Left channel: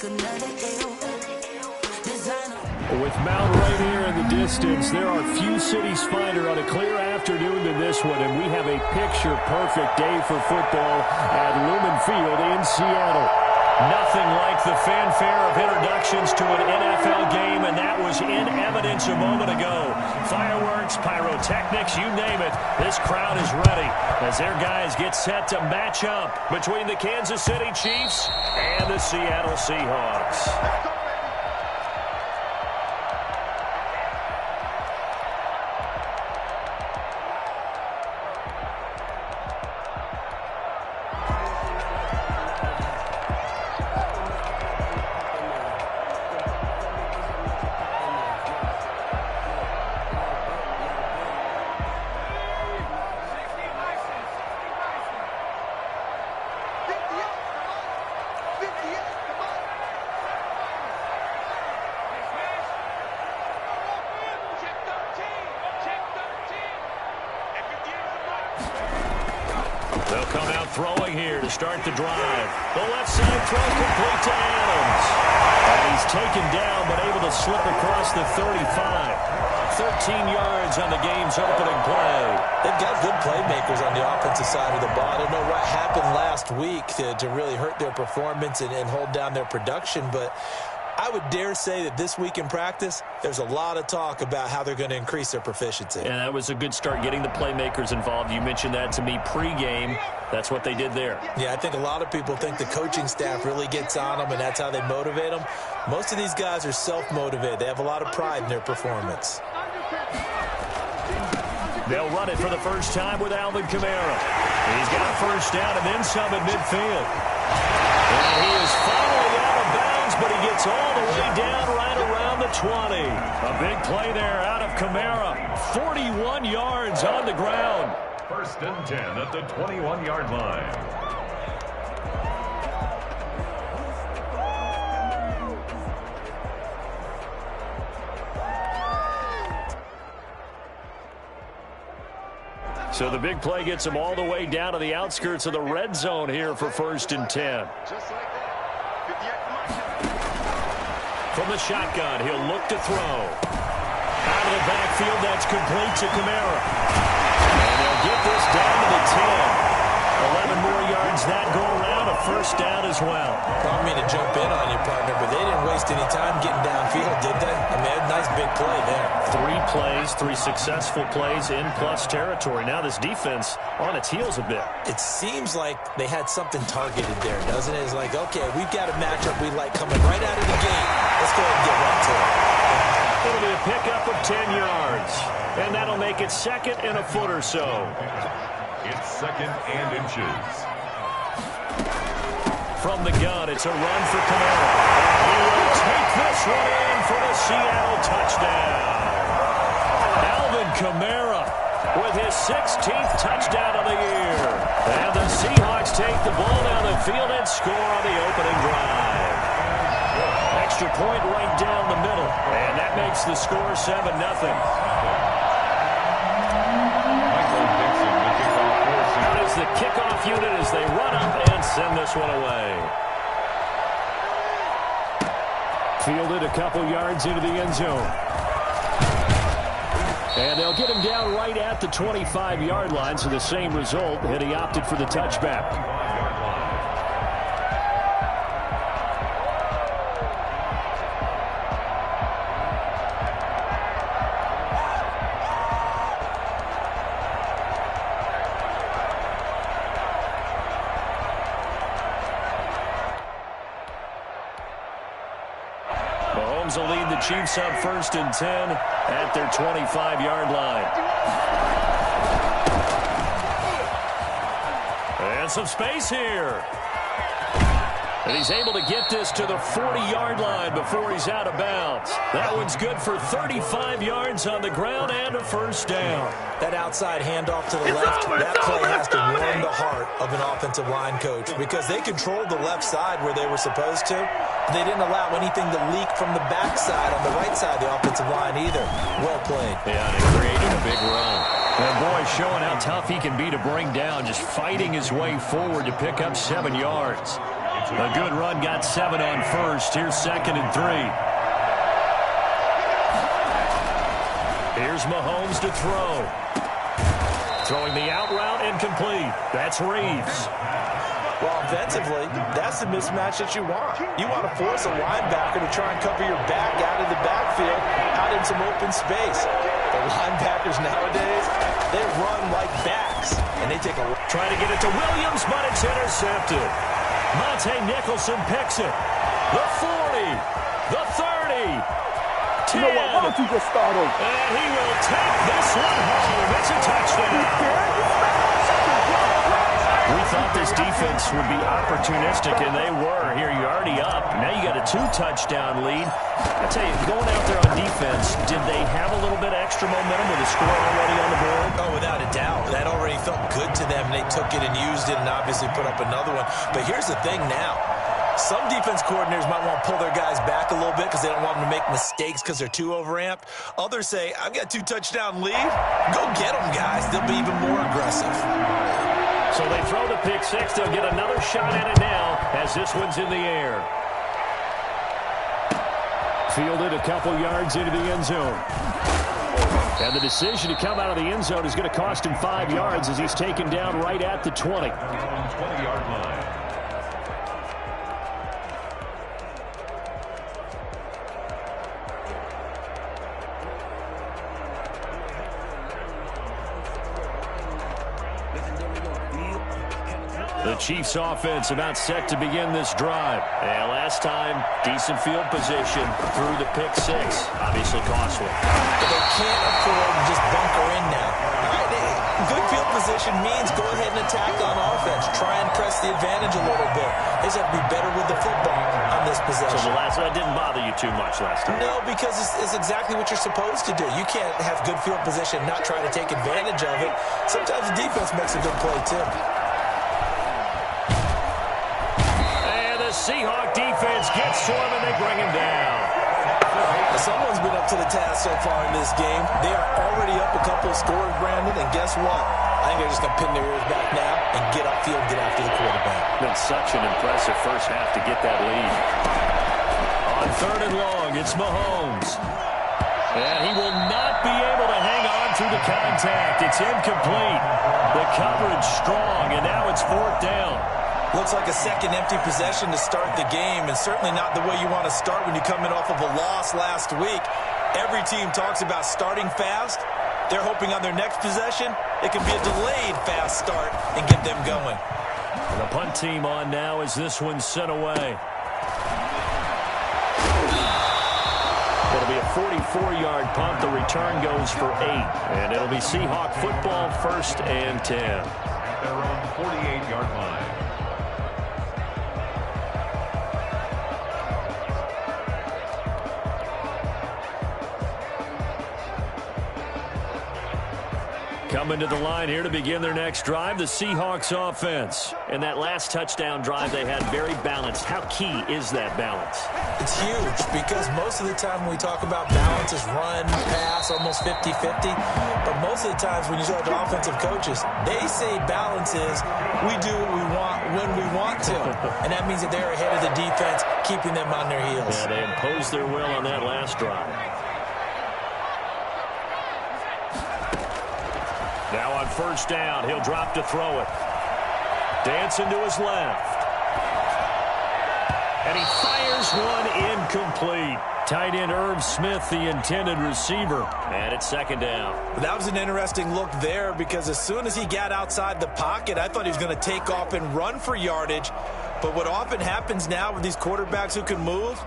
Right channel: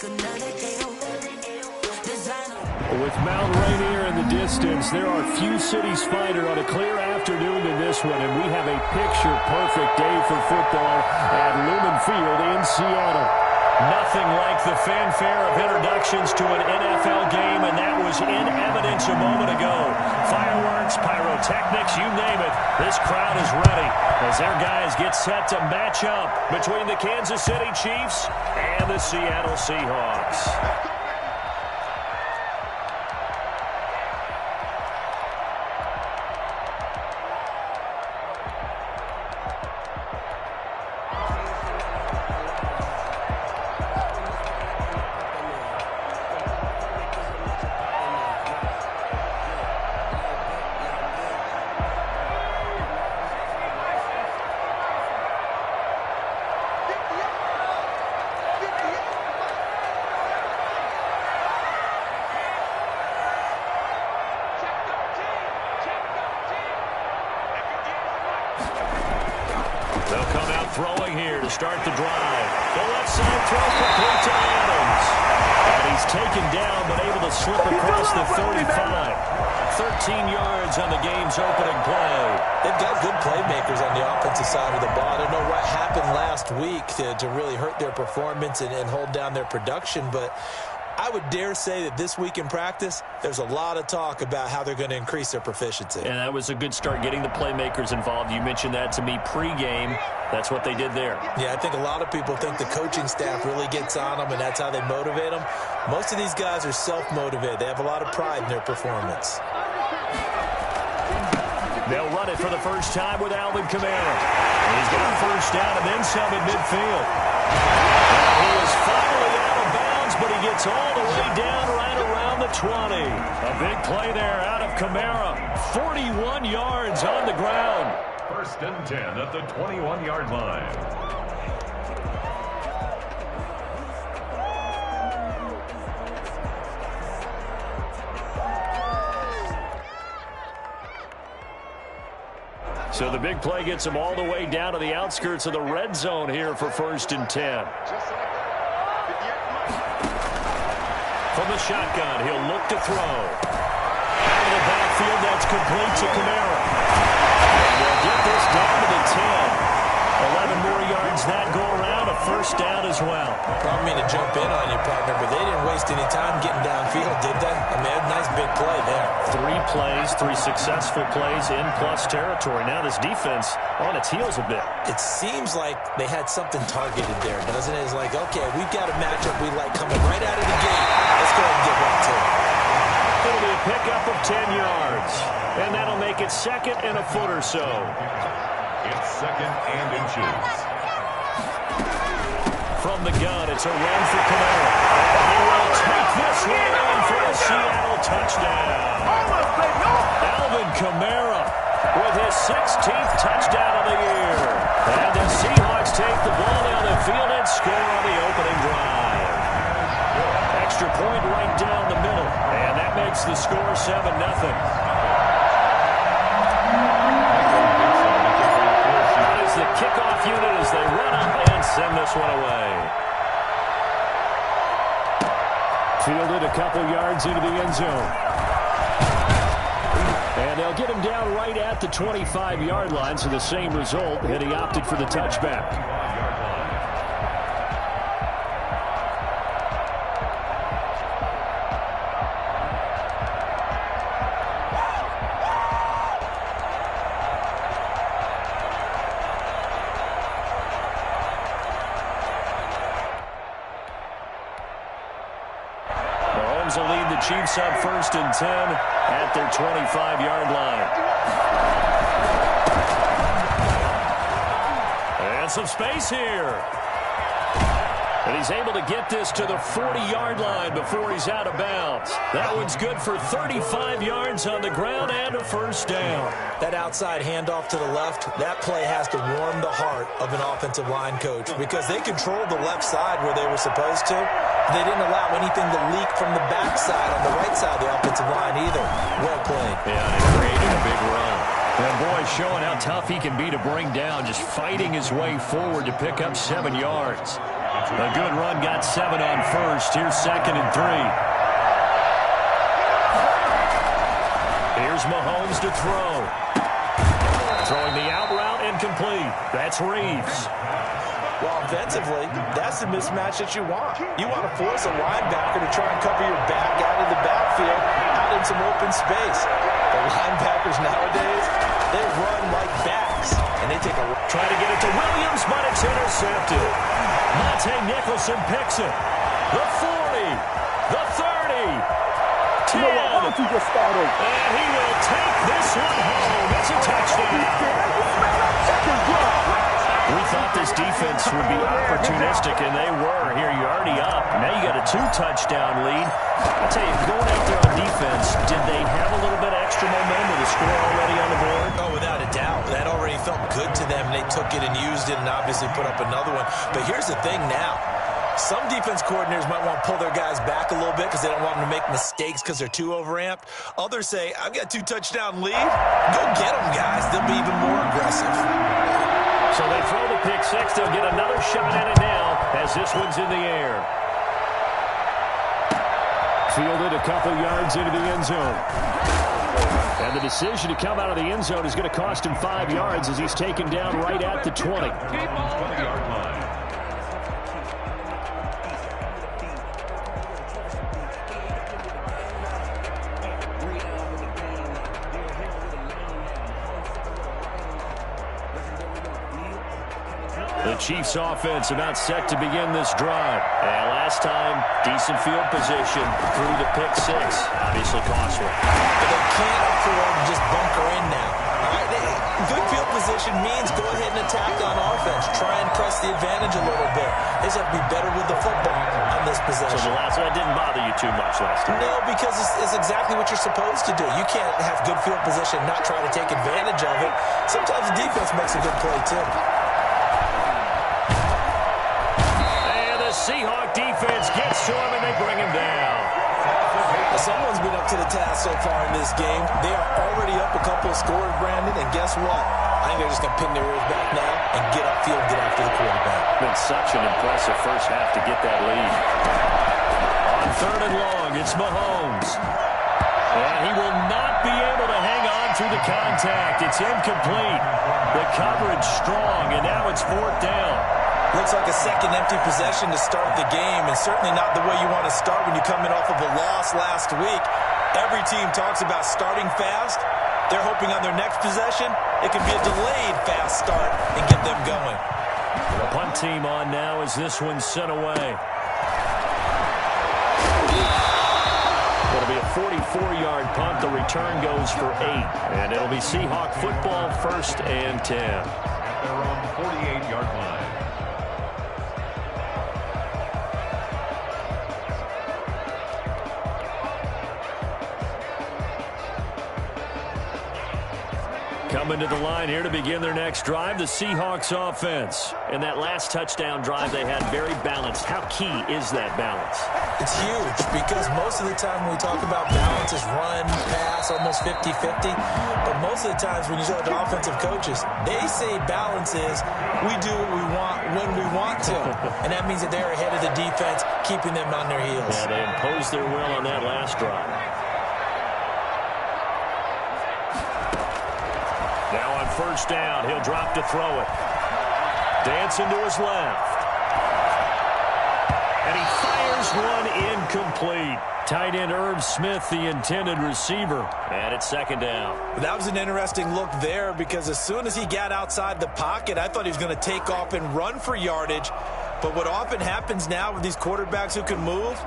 With Mount Rainier in the distance, there are few cities finer on a clear afternoon than this one, and we have a picture-perfect day for football at Lumen Field in Seattle. Nothing like the fanfare of introductions to an NFL game, and that was in evidence a moment ago. Fireworks, pyrotechnics, you name it. This crowd is ready as their guys get set to match up between the Kansas City Chiefs and the Seattle Seahawks. They'll come out throwing here to start the drive. The left side throw complete to Adams. And he's taken down but able to slip across the 35. 13 yards on the game's opening play. They've got good playmakers on the offensive side of the ball. I don't know what happened last week to really hurt their performance and hold down their production, but I would dare say that this week in practice, there's a lot of talk about how they're going to increase their proficiency. And that was a good start, getting the playmakers involved. You mentioned that to me pregame. That's what they did there. Yeah, I think a lot of people think the coaching staff really gets on them, and that's how they motivate them. Most of these guys are self-motivated. They have a lot of pride in their performance. They'll run it for the first time with Alvin Kamara. He's got a first down and then some at midfield. And he is finally out of bounds, but he gets all the way down right around the 20. A big play there out of Kamara. 41 yards on the ground. First and 10 at the 21-yard line. So the big play gets him all the way down to the outskirts of the red zone here for first and 10. Just like that. From the shotgun, he'll look to throw. Out of the backfield, that's complete to Kamara. And they'll get this down to the 10. 11 more yards that go around, a first down as well. I don't mean to jump in on you, partner, but they didn't waste any time getting downfield, did they? I mean, a nice big play there. 3 plays, 3 successful plays in plus territory. Now this defense on its heels a bit. It seems like they had something targeted there, doesn't it? It's like, okay, we've got a matchup we like coming right out of the gate. Let's go ahead and get right to it. It'll be a pickup of 10 yards. And that'll make it second and a foot or so. It's second and inches. From the gun, it's a run for Kamara. And he will take this one in for a Seattle touchdown. Alvin Kamara with his 16th touchdown of the year. And the Seahawks take the ball down the field and score on the opening drive. Extra point right down the middle. And that makes the score 7-0. The kickoff unit as they run up and send this one away. Fielded a couple yards into the end zone. And they'll get him down right at the 25-yard line, so the same result, and he opted for the touchback. Will lead the Chiefs up first and 10 at their 25-yard line. And some space here. And he's able to get this to the 40-yard line before he's out of bounds. That one's good for 35 yards on the ground and a first down. That outside handoff to the left, that play has to warm the heart of an offensive line coach because they controlled the left side where they were supposed to. They didn't allow anything to leak from the backside on the right side of the offensive line either. Well played. Yeah, and it created a big run. And boy, showing how tough he can be to bring down, just fighting his way forward to pick up 7 yards. A good run got 7 on first. Here's 2nd and 3. Here's Mahomes to throw. Throwing the out route incomplete. That's Reeves. Well, offensively, that's the mismatch that you want. You want to force a linebacker to try and cover your back out of the backfield, out in some open space. The linebackers nowadays, they run like backs, and they take a... Try to get it to Williams, but it's intercepted. Monte Nicholson picks it. The 40, the 30, 10. You know what? Why don't you just start over? And he will take this one home. It's a touchdown. We thought this defense would be opportunistic, and they were. Here, you're already up. Now you got a 2-touchdown lead. I tell you, going out there on defense, did they have a little bit of extra momentum with a score already on the board? Oh, without a doubt. That already felt good to them, and they took it and used it and obviously put up another one. But here's the thing now. Some defense coordinators might want to pull their guys back a little bit because they don't want them to make mistakes because they're too overamped. Others say, I've got 2-touchdown lead. Go get them, guys. They'll be even more aggressive. So they throw the pick six. They'll get another shot at it now as this one's in the air. Fielded a couple yards into the end zone. And the decision to come out of the end zone is going to cost him 5 yards as he's taken down right at the 20. 20-yard line. The Chiefs offense about set to begin this drive. And last time, decent field position through the pick six. Obviously costly. But they can't afford to just bunker in now. All right, good field position means go ahead and attack on offense. Try and press the advantage a little bit. They just have to be better with the football on this possession. So the last one didn't bother you too much last time? No, because it's exactly what you're supposed to do. You can't have good field position, not try to take advantage of it. Sometimes the defense makes a good play, too. The Seahawk defense gets to him, and they bring him down. Someone's been up to the task so far in this game. They are already up a couple of scores, Brandon, and guess what? I think they're just going to pin their ears back now and get upfield, get after the quarterback. Been such an impressive first half to get that lead. On 3rd and long, it's Mahomes. And he will not be able to hang on through the contact. It's incomplete. The coverage strong, and now it's 4th down. Looks like a second empty possession to start the game, and certainly not the way you want to start when you're coming off of a loss last week. Every team talks about starting fast. They're hoping on their next possession, it can be a delayed fast start and get them going. The punt team on now as this one's sent away. It'll be a 44-yard punt. The return goes for 8, and it'll be Seahawk football 1st and 10. At their own 48-yard line. Coming to the line here to begin their next drive, the Seahawks offense. And that last touchdown drive they had very balanced. How key is that balance? It's huge because most of the time when we talk about balance is run, pass, almost 50-50. But most of the times when you talk to offensive coaches, they say balance is we do what we want when we want to. And that means that they're ahead of the defense, keeping them on their heels. Yeah, they imposed their will on that last drive. Now on 1st down, he'll drop to throw it. Dancing to his left. And he fires one incomplete. Tight end Irv Smith, the intended receiver. And it's 2nd down. That was an interesting look there because as soon as he got outside the pocket, I thought he was going to take off and run for yardage. But what often happens now with these quarterbacks who can move,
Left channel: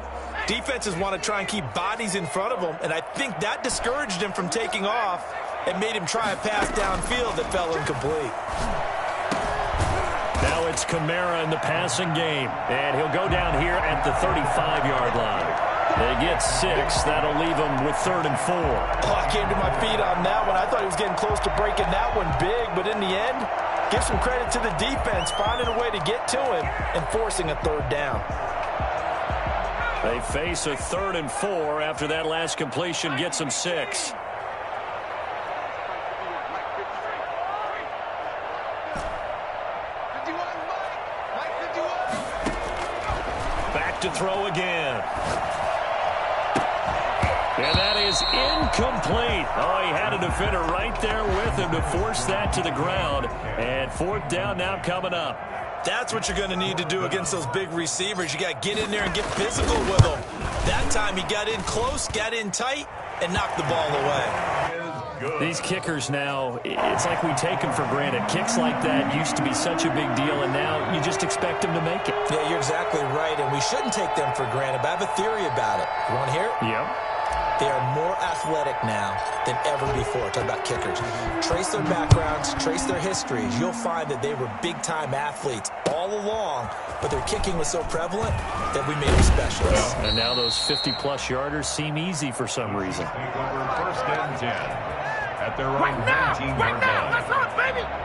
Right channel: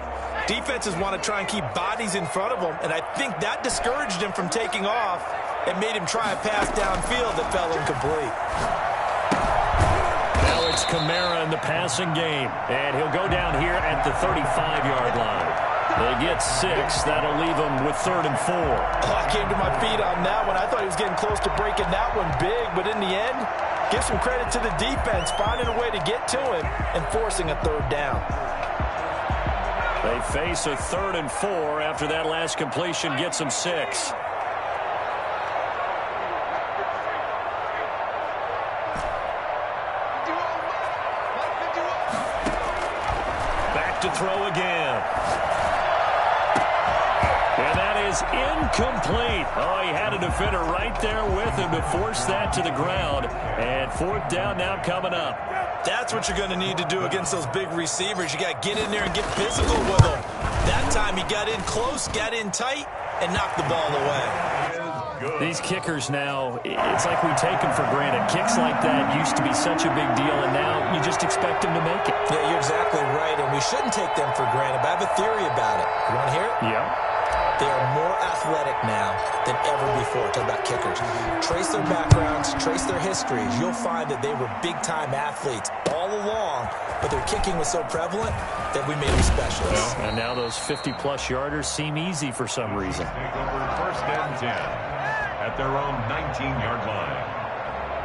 defenses want to try and keep bodies in front of them. And I think that discouraged him from taking off. It made him try a pass downfield that fell incomplete. Now it's Kamara in the passing game. And he'll go down here at the 35-yard line. They get 6. That'll leave them with 3rd and 4. Oh, I came to my feet on that one. I thought he was getting close to breaking that one big. But in the end, give some credit to the defense, finding a way to get to him and forcing a 3rd down. They face a 3rd and 4 after that last completion gets them 6. to throw again. And that is incomplete. Oh, he had a defender right there with him to force that to the ground. And fourth down now coming up. That's what you're going to need to do against those big receivers. You got to get in there and get physical with them. That time he got in close, got in tight, and knocked the ball away. These kickers now, it's like we take them for granted. Kicks like that used to be such a big deal, and now you just expect them to make it. Yeah, you're exactly right, and we shouldn't take them for granted, but I have a theory about it. You want to hear it? Yep. They are more athletic now than ever before. Talk about kickers. Trace their backgrounds, trace their histories. You'll find that they were big-time athletes all along, but their kicking was so prevalent that we made them specialists. Well, and now those 50-plus yarders seem easy for some reason. Take over first and 10 at their own 19-yard line.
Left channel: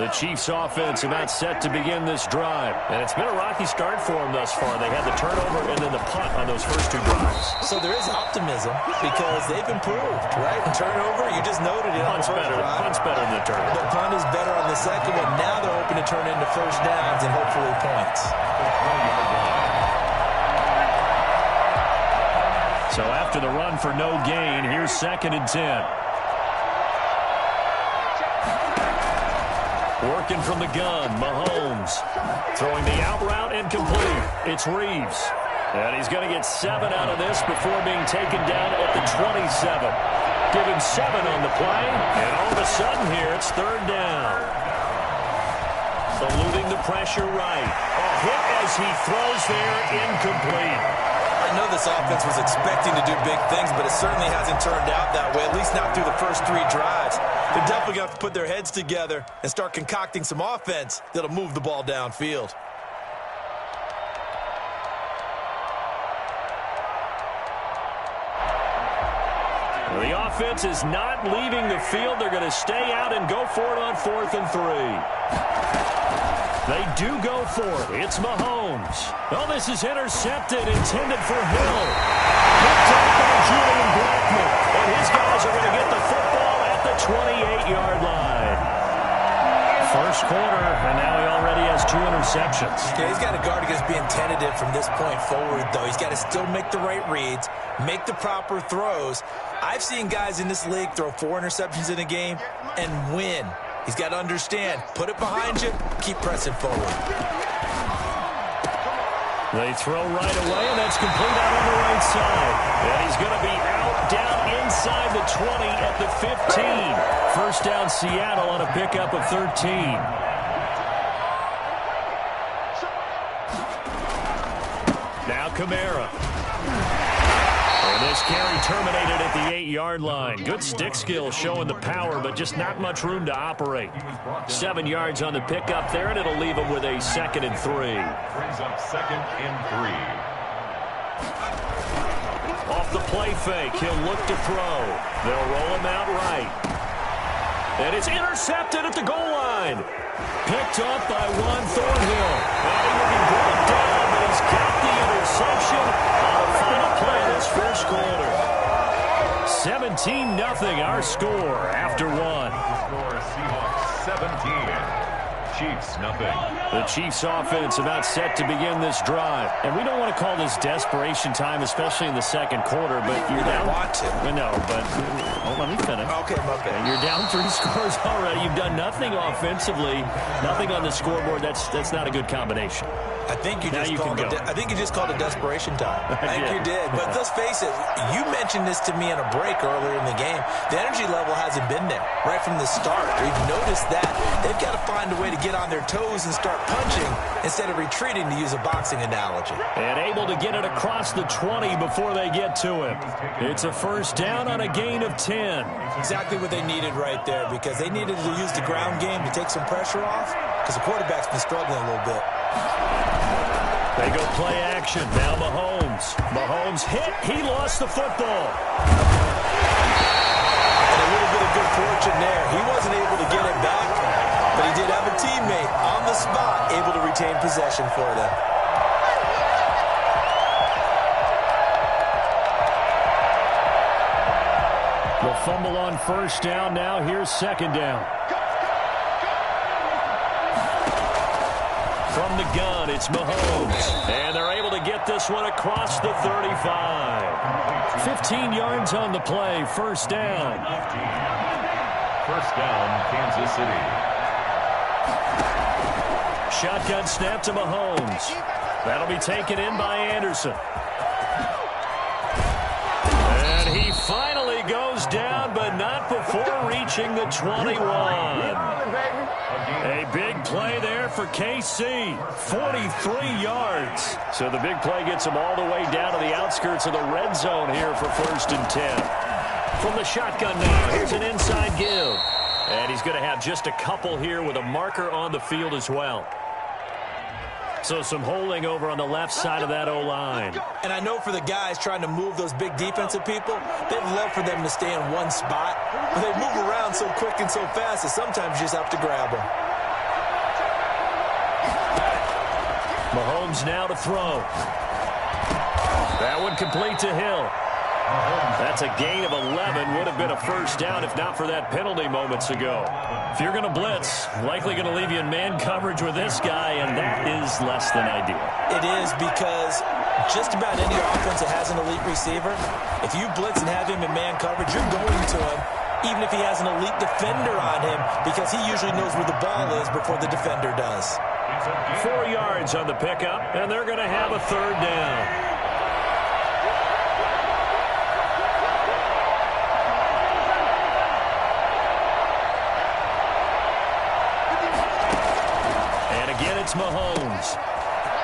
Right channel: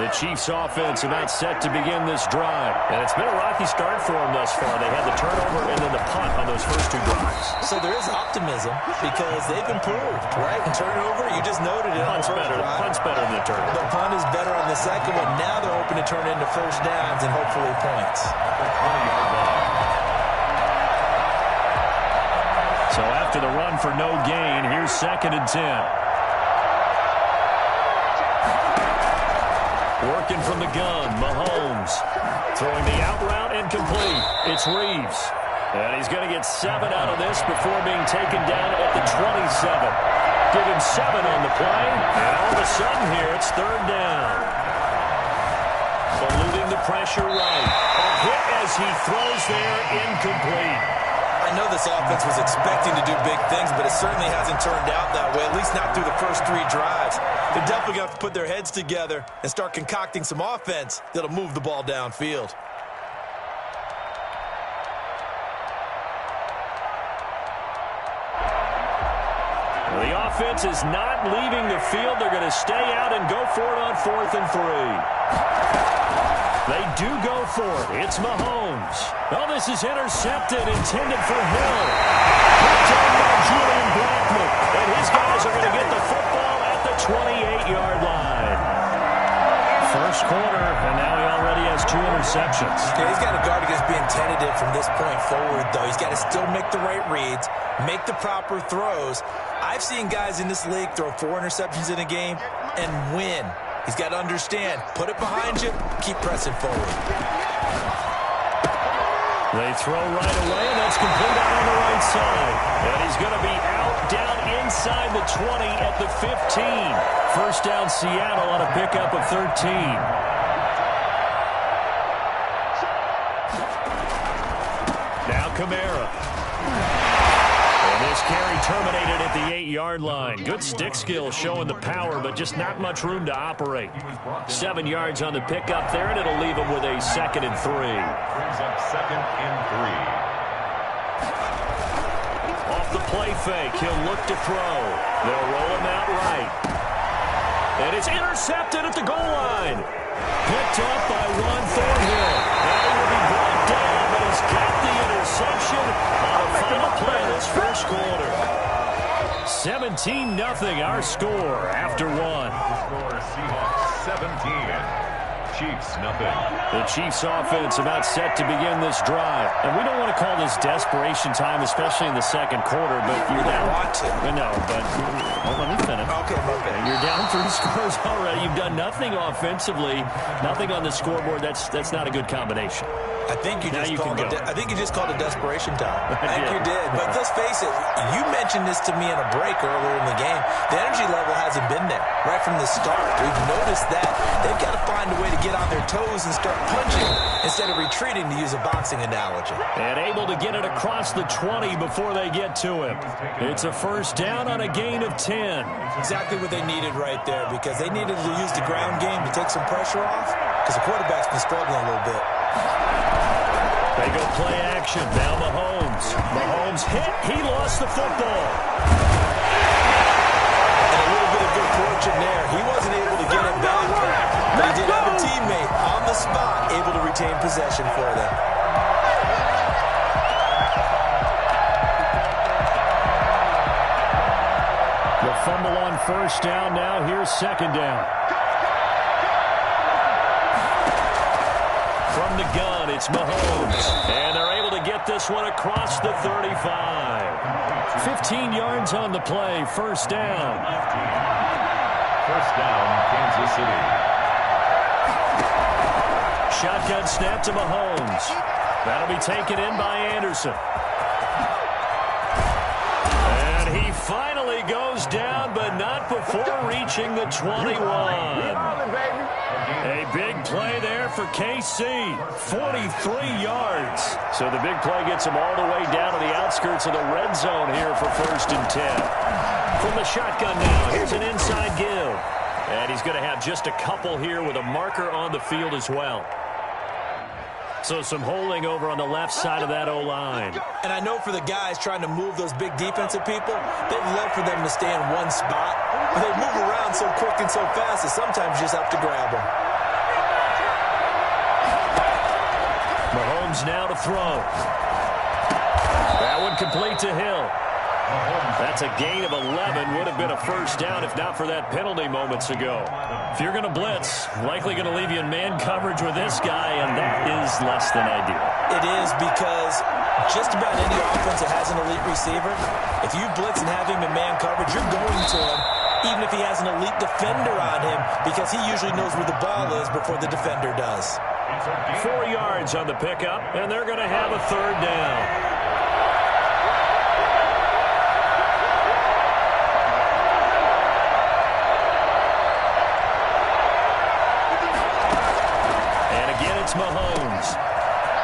The Chiefs offense about set to begin this drive. And it's been a rocky start for them thus far. They had the turnover and then the punt on those first two drives. So there is optimism because they've improved, right? Turnover, you just noted it on the first drive. Punt's better than the turnover. The punt is better on the second one. Now they're hoping to turn into first downs and hopefully points. So after the run for no gain, here's 2nd and 10. Working from the gun, Mahomes. Throwing the out route incomplete. It's Reeves. And he's going to get 7 out of this before being taken down at the 27. Give him 7 on the play. And all of a sudden here, it's 3rd down. Eluding the pressure right. A hit as he throws there, incomplete. I know this offense was expecting to do big things, but it certainly hasn't turned out that way, at least not through the first 3 drives. They're definitely going to have to put their heads together and start concocting some offense that'll move the ball downfield. Well, the offense is not leaving the field. They're going to stay out and go for it on 4th and 3. They do go for it. It's Mahomes. Oh, this is intercepted, intended for Hill. Picked up by Julian Blackman. And his guys are going to get the football at the 28-yard line. First quarter, and now he already has 2 interceptions. Okay, he's got to guard against being tentative from this point forward, though. He's got to still make the right reads, make the proper throws. I've seen guys in this league throw 4 interceptions in a game and win. He's got to understand, put it behind you, keep pressing forward. They throw right away, and that's complete out on the right side. And he's going to be out down inside the 20 at the 15. First down Seattle on a pickup of 13. Now Kamara. And this carry terminated at the 8-yard line. Good stick skill showing the power, but just not much room to operate. 7 yards on the pickup there, and it'll leave him with a 2nd and 3. Brings up 2nd and 3. Off the play fake, he'll look to throw. They'll roll him out right. And it's intercepted at the goal line. Picked up by Juan Thornhill. And he will be brought down, but he's got the interception on the final play of this first quarter. 17-0 our score after 1. Score Seahawks 17. Chiefs nothing. The Chiefs offense about set to begin this drive. And we don't want to call this desperation time, especially in the second quarter, but you're down. Want to. No, but let me finish. Okay. You're down 3 scores already. You've done nothing offensively, nothing on the scoreboard. That's not a good combination. I think you just called it desperation time. I think you did. But let's face it, you mentioned this to me in a break earlier in the game. The energy level hasn't been there right from the start. We've noticed that. They've got to find a way to get on their toes and start punching instead of retreating, to use a boxing analogy. And able to get it across the 20 before they get to him. It's a first down on a gain of 10. Exactly what they needed right there, because they needed to use the ground game to take some pressure off, because the quarterback's been struggling a little bit. They go play action. Now Mahomes. Mahomes hit. He lost the football. And a little bit of good fortune there. He wasn't able to get it back, but he did have a teammate on the spot able to retain possession for them. The fumble on first down. Now here's 2nd down. From the gun, it's Mahomes. And they're able to get this one across the 35. 15 yards on the play, first down. First down, Kansas City. Shotgun snap to Mahomes. That'll be taken in by Anderson. And he finally goes down, but not before reaching the 21. A big play there for KC. 43 yards. So the big play gets him all the way down to the outskirts of the red zone here for 1st and 10. From the shotgun now, here's an inside give. And he's going to have just a couple here with a marker on the field as well. So some holding over on the left side of that O-line. And I know for the guys trying to move those big defensive people, they'd love for them to stay in one spot. But they move around so quick and so fast that sometimes you just have to grab them. Mahomes now to throw. That one complete to Hill. That's a gain of 11. Would have been a first down if not for that penalty moments ago. If you're going to blitz, likely going to leave you in man coverage with this guy, and that is less than ideal. It is, because just about any offense that has an elite receiver, if you blitz and have him in man coverage, you're going to him, even if he has an elite defender on him, because he usually knows where the ball is before the defender does. 4 yards on the pickup, and they're going to have a third down. It's Mahomes.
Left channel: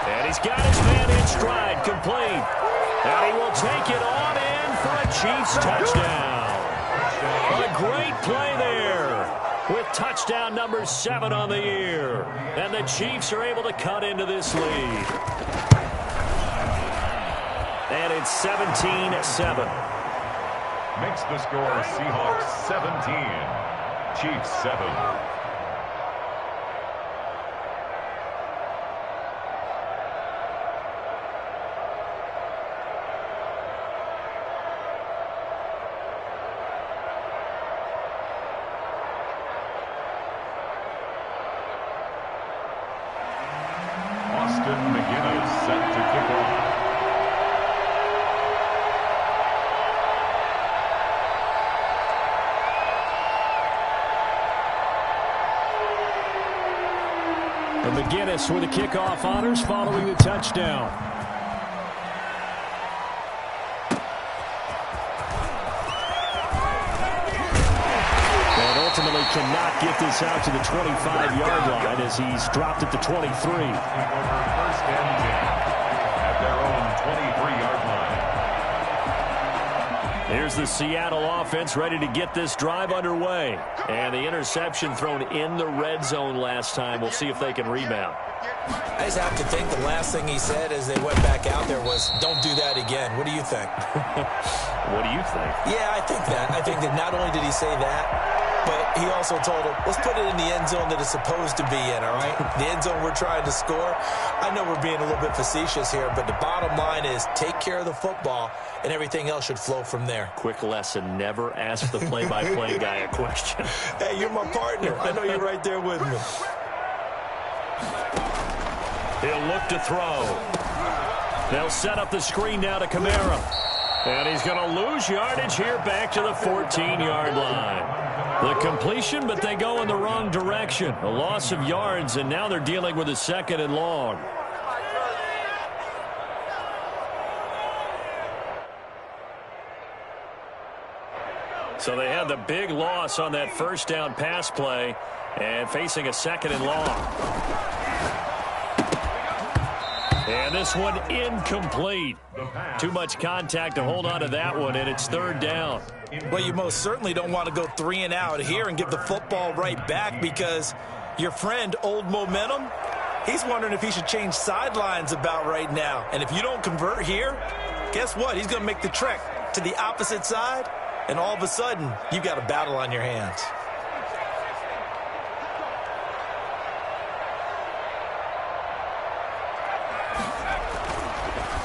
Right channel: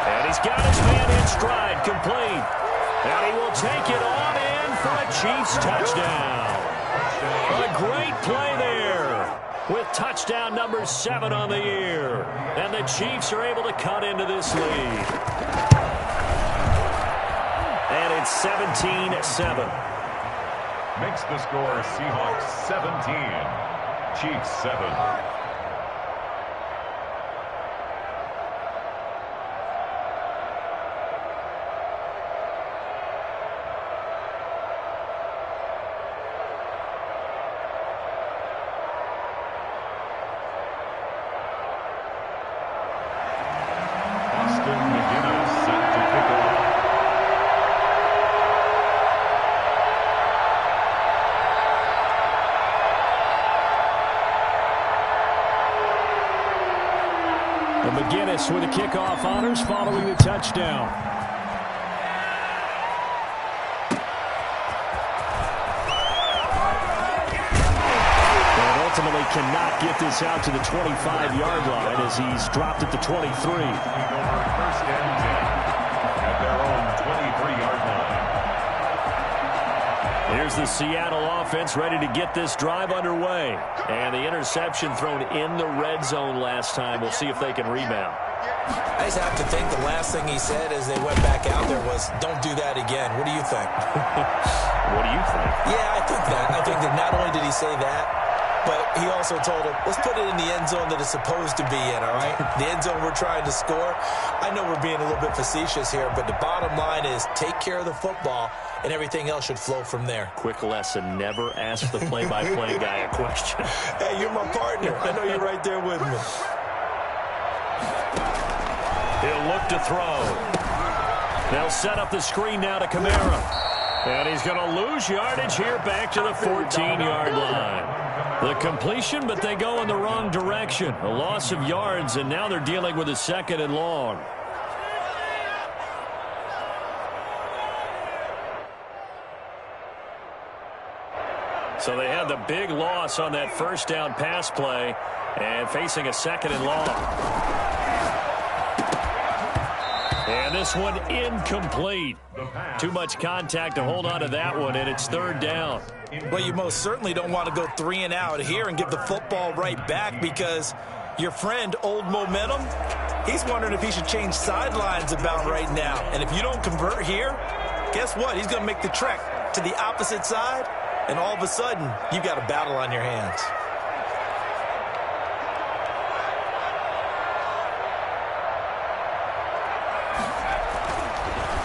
And he's got his man in stride, complete. And he will take it on in for a Chiefs touchdown. A great play there with touchdown number 7 on the year. And the Chiefs are able to cut into this lead. And it's 17-7. Makes the score Seahawks 17, Chiefs 7. McGinnis set to kick off. And McGinnis with the kickoff honors following the touchdown. And ultimately cannot get this out to the 25-yard line as he's dropped at the 23. First and 10 at their own 23-yard line. Here's the Seattle offense ready to get this drive underway. And the interception thrown in the red zone last time. We'll see if they can rebound. I just have to think the last thing he said as they went back out there was, don't do that again. What do you think? What do you think? Yeah, I think that. I think that not only did he say that, but he also told him, let's put it in the end zone that it's supposed to be in, all right? The end zone we're trying to score. I know we're being a little bit facetious here, but the bottom line is take care of the football, and everything else should flow from there. Quick lesson, never ask the play-by-play guy a question. Hey, you're my partner. I know you're right there with me. He'll look to throw. They'll set up the screen now to Kamara. And he's going to lose yardage here back to the 14-yard line. The completion, but they go in the wrong direction. A loss of yards, and now they're dealing with a 2nd and long. So they had the big loss on that first down pass play and facing a 2nd and long. And this one incomplete. Too much contact to hold on to that one, and it's 3rd down. Well, you most certainly don't want to go 3 and out here and give the football right back, because your friend, Old Momentum, he's wondering if he should change sidelines about right now. And if you don't convert here, guess what? He's going to make the trek to the opposite side, and all of a sudden, you've got a battle on your hands.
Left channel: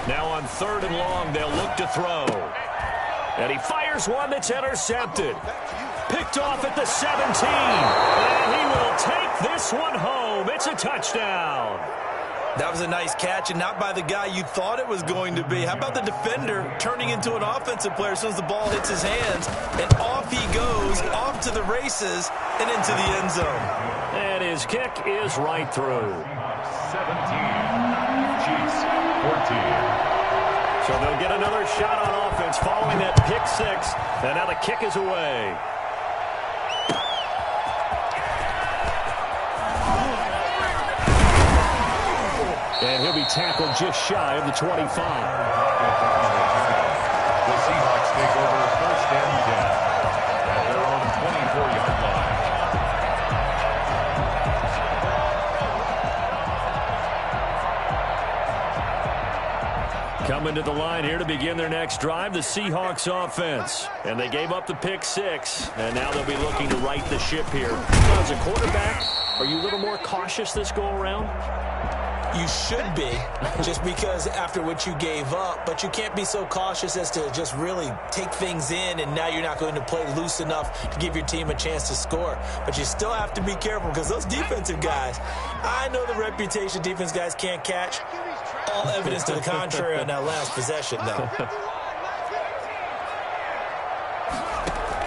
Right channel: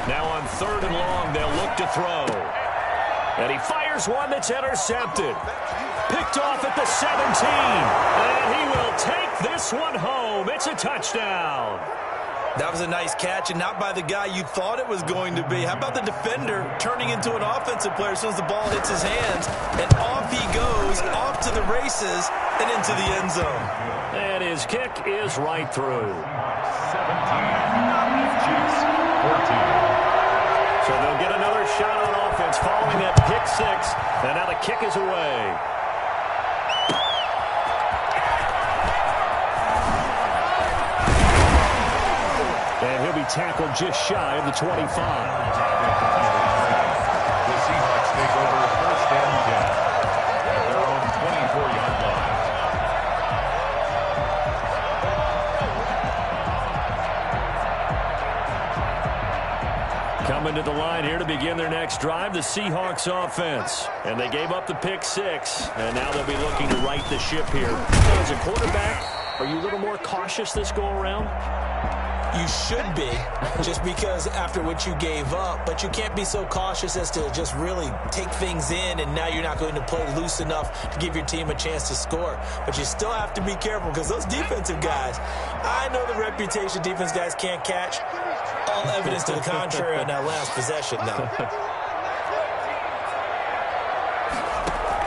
Now on 3rd and long, they'll look to throw. And he fires one that's intercepted. Picked off at the 17. And he will take this one home. It's a touchdown. That was a nice catch, and not by the guy you thought it was going to be. How about the defender turning into an offensive player as soon as the ball hits his hands, and off he goes, off to the races, and into the end zone. And his kick is right through. 17, Chiefs 14. So they'll get another shot on offense following that pick six, and now the kick is away. And he'll be tackled just shy of the 25. The Seahawks take over 1st and 10 at their own 24-yard line. Coming to the line here to begin their next drive, the Seahawks offense. And they gave up the pick six, and now they'll be looking to right the ship here. So as a quarterback, are you a little more cautious this go-around? You should be, just because after what you gave up, but you can't be so cautious as to just really take things in, and now you're not going to play loose enough to give your team a chance to score. But you still have to be careful because those defensive guys, I know the reputation defense guys can't catch. All evidence to the contrary on that last possession, though.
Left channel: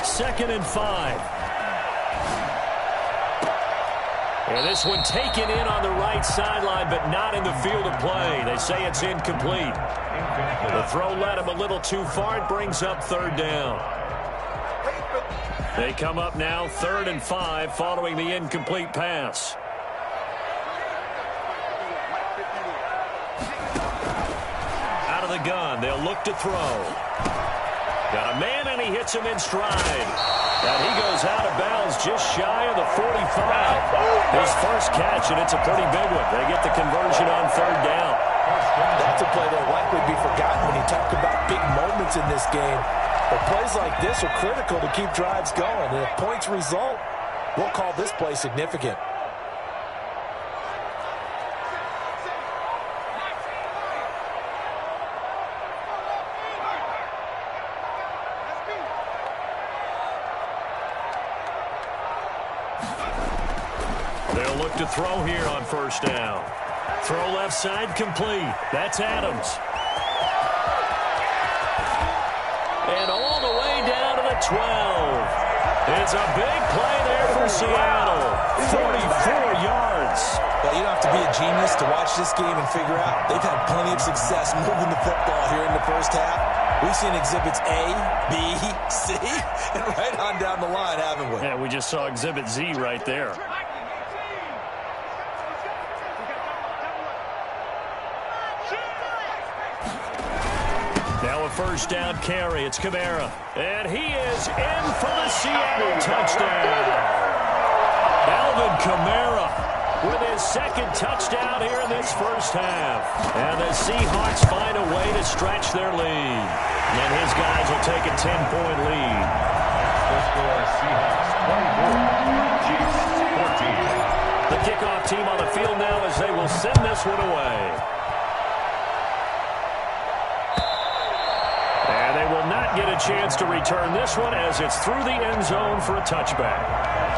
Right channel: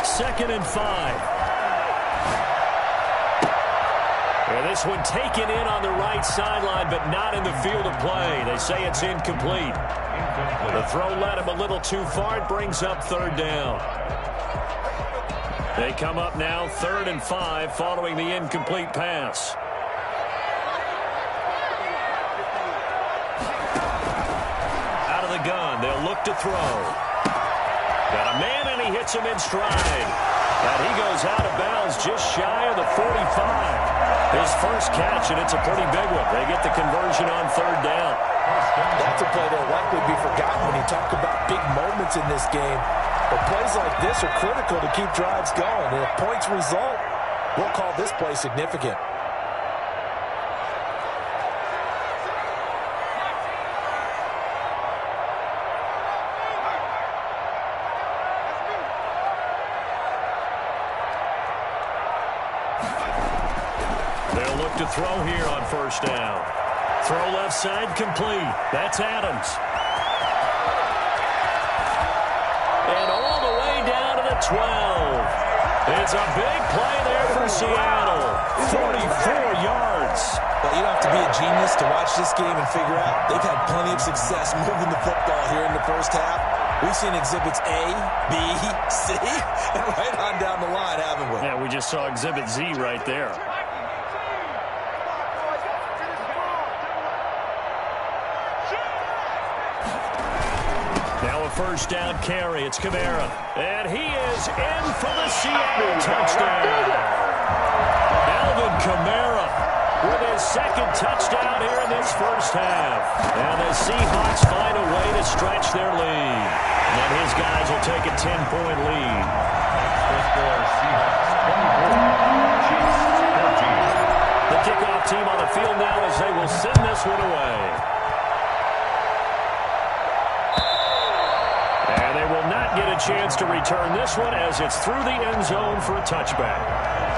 2nd and 5. And this one taken in on the right sideline, but not in the field of play. They say it's incomplete. The throw led him a little too far. It brings up 3rd down. They come up now 3rd and 5 following the incomplete pass. Out of the gun, they'll look to throw. Got a man, and he hits him in stride. And he goes out of bounds just shy of the 45. His first catch, and it's a pretty big one. They get the conversion on 3rd down. That's a play that'll likely be forgotten when you talk about big moments in this game. But plays like this are critical to keep drives going. And if points result, we'll call this play significant. They'll look to throw here on 1st down. Throw left side complete. That's Adams. And all the way down to the 12. It's a big play there for Seattle. 44 yards. Well, you don't have to be a genius to watch this game and figure out they've had plenty of success moving the football here in the first half. We've seen exhibits A, B, C, and right on down the line, haven't we? Yeah, we just saw exhibit Z right there. Now a 1st down carry. It's Kamara. And he is in for the Seattle touchdown. Alvin Kamara with his 2nd touchdown here in this first half. And the Seahawks find a way to stretch their lead. And his guys will take a 10-point lead. The score, Seahawks 24, Chiefs 14. The kickoff team on the field now as they will send this one away. And they will not get a chance to return this one as it's through the end zone for a touchback.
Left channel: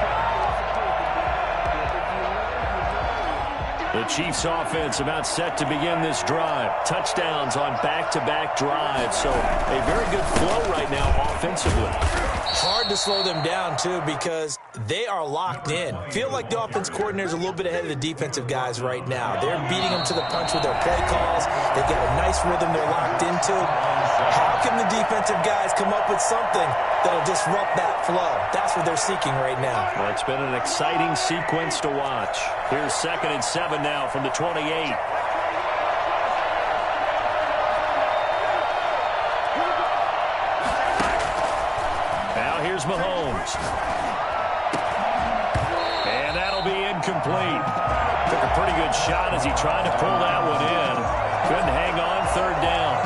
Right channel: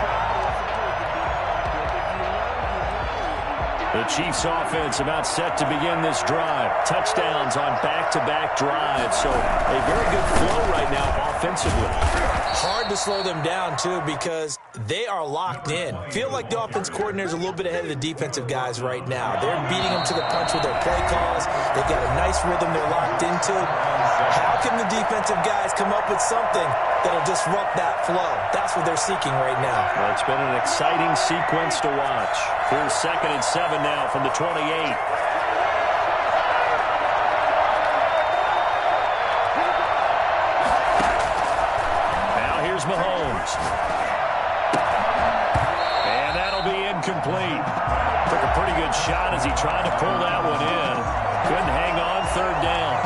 The Chiefs offense about set to begin this drive. Touchdowns on back-to-back drives. So a very good flow right now offensively. Hard to slow them down, too, because they are locked in. Feel like the offense coordinator is a little bit ahead of the defensive guys right now. They're beating them to the punch with their play calls. They've got a nice rhythm they're locked into. How can the defensive guys come up with something that'll disrupt that flow? That's what they're seeking right now. Well, it's been an exciting sequence to watch. Here's 2nd and 7 now from the 28. Now here's Mahomes. And that'll be incomplete. Took a pretty good shot as he tried to pull that one in. Couldn't hang on. 3rd down.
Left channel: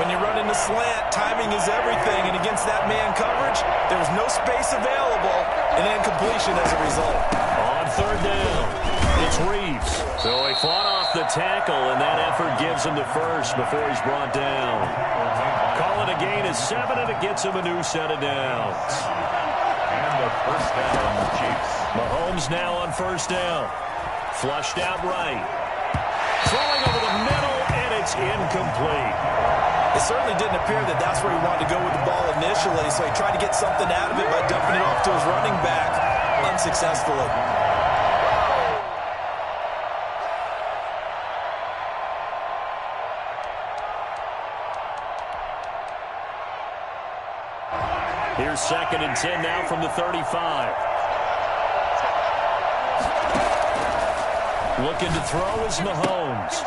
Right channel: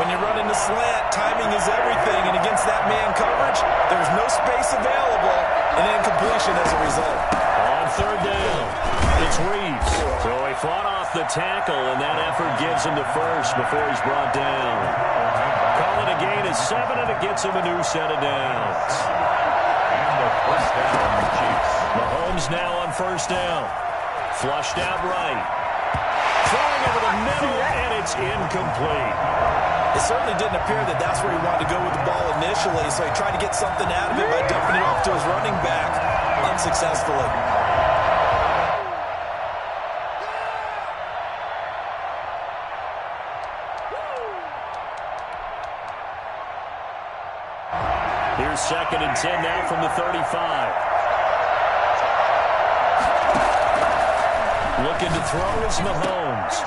When you run into slant, timing is everything, and against that man coverage, there's no space available, and incompletion as a result. On 3rd down, it's Reeves. So he fought off the tackle, and that effort gives him the first before he's brought down. Call it a gain of 7, and it gets him a new set of downs. And the 1st down, Chiefs. Mahomes now on 1st down. Flushed out right. throwing over the middle, and it's incomplete. It certainly didn't appear that that's where he wanted to go with the ball initially, so he tried to get something out of it by dumping it off to his running back unsuccessfully. Here's 2nd and 10 now from the 35. Looking to throw is Mahomes.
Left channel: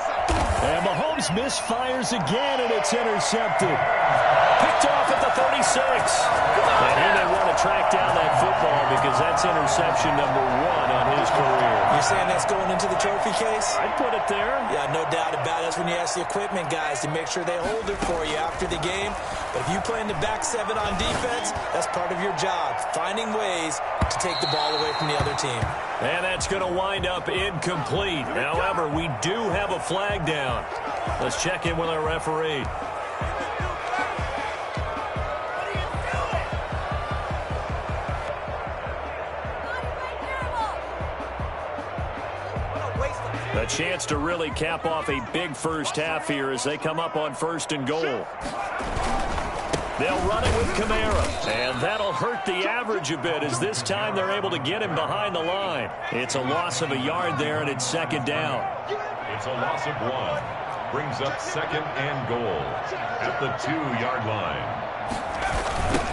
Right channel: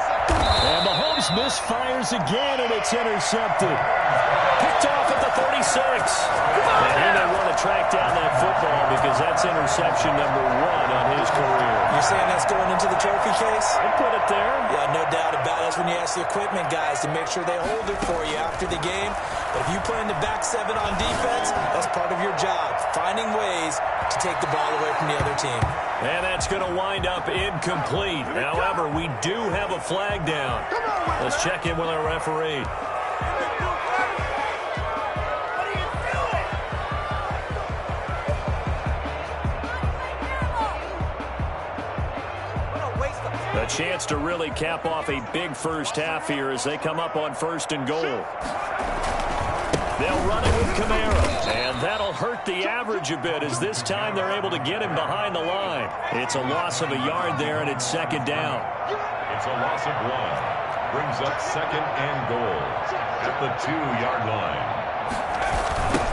And Mahomes misfires again, and it's intercepted. Picked off at the 36. And he may want to track down that football because that's interception number 1 on his career. You're saying that's going into the trophy case? I'd put it there. Yeah, no doubt about it. That's when you ask the equipment guys to make sure they hold it for you after the game. But if you play in the back 7 on defense, that's part of your job, finding ways to take the ball away from the other team. And that's going to wind up incomplete. However, we do have a flag down. Let's check in with our referee. A chance to really cap off a big first half here as they come up on 1st and goal. They'll run it with Kamara, and that'll hurt the average a bit as this time they're able to get him behind the line. It's a loss of a yard there, and it's 2nd down. It's a loss of 1. Brings up 2nd and goal at the 2-yard line.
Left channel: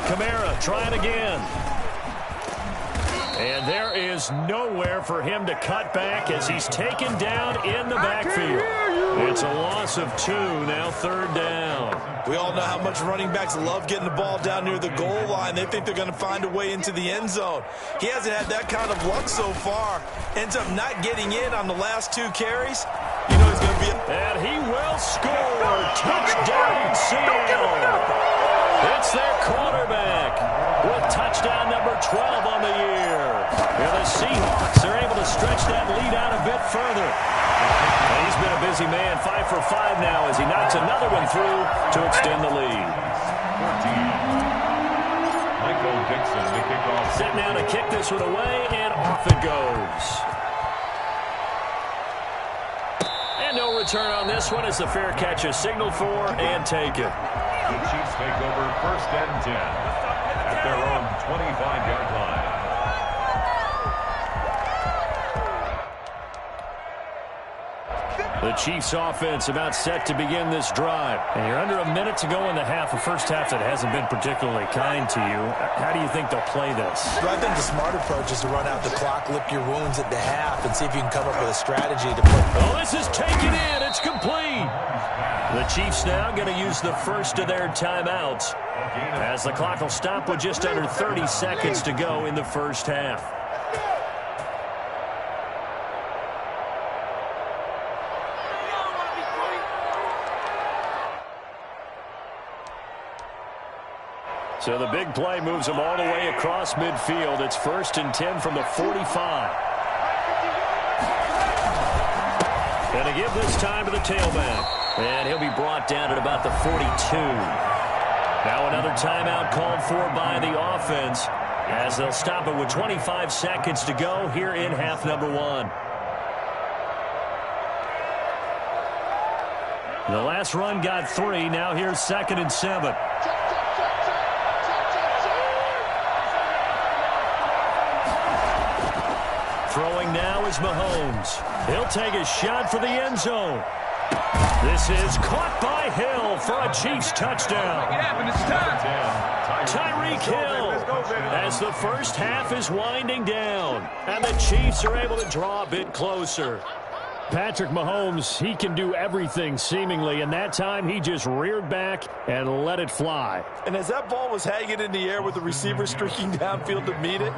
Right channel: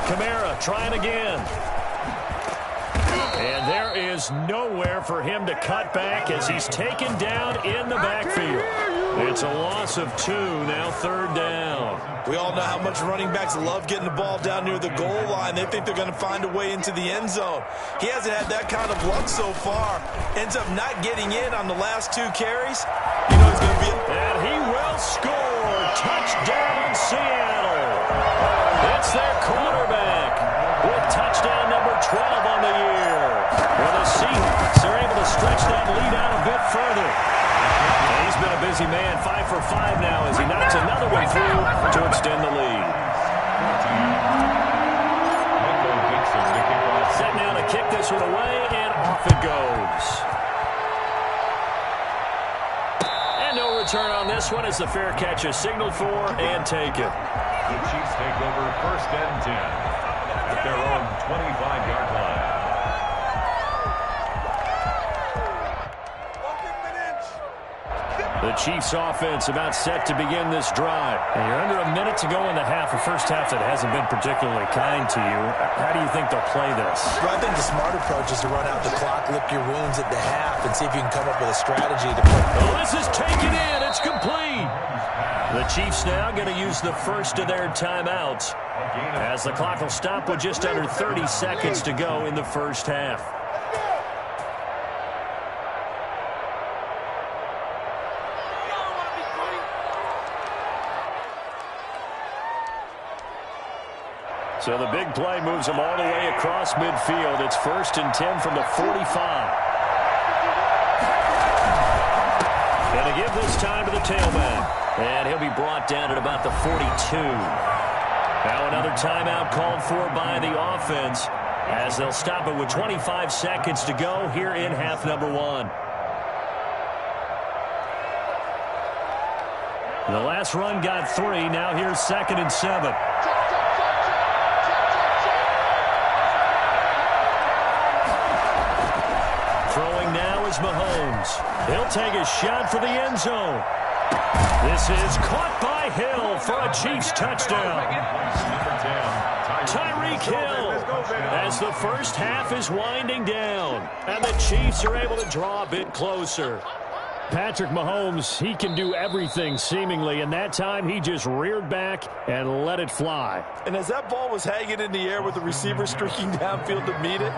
Kamara trying again. And there is nowhere for him to cut back as he's taken down in the backfield. It's a loss of 2, now 3rd down. We all know how much running backs love getting the ball down near the goal line. They think they're going to find a way into the end zone. He hasn't had that kind of luck so far. Ends up not getting in on the last 2 carries. You know he's going to be... And he will score. Touchdown, Seattle. It's their quarterback with touchdown number 12 on the year. And the Seahawks are able to stretch that lead out a bit further. And he's been a busy man, 5 for 5 now as he knocks another one through to extend the lead. 14. Michael Dixon to kick off. Set now to kick this one away, and off it goes. And no return on this one as the fair catch is signaled for and taken. The Chiefs take over 1st and 10 at their own 25-yard line. The Chiefs offense about set to begin this drive. And you're under a minute to go in the half, a first half that hasn't been particularly kind to you. How do you think they'll play this? Well, I think the smart approach is to run out the clock, lick your wounds at the half, and see if you can come up with a strategy to put... Oh, this is taken in. It's complete. The Chiefs now going to use the first of their timeouts as the clock will stop with just under 30 seconds to go in the first half. So the big play moves them all the way across midfield. It's 1st and 10 from the 45. And to give this time to the tailback. And he'll be brought down at about the 42. Now another timeout called for by the offense as they'll stop it with 25 seconds to go here in half number 1. The last run got 3. Now here's 2nd and 7. Throwing now is Mahomes. He'll take a shot for the end zone. This is caught by Hill for a Chiefs touchdown. Tyreek Hill as the first half is winding down. And the Chiefs are able to draw a bit closer. Patrick Mahomes, he can do everything seemingly, and that time he just reared back and let it fly. And as that ball was hanging in the air with the receiver streaking downfield to meet it,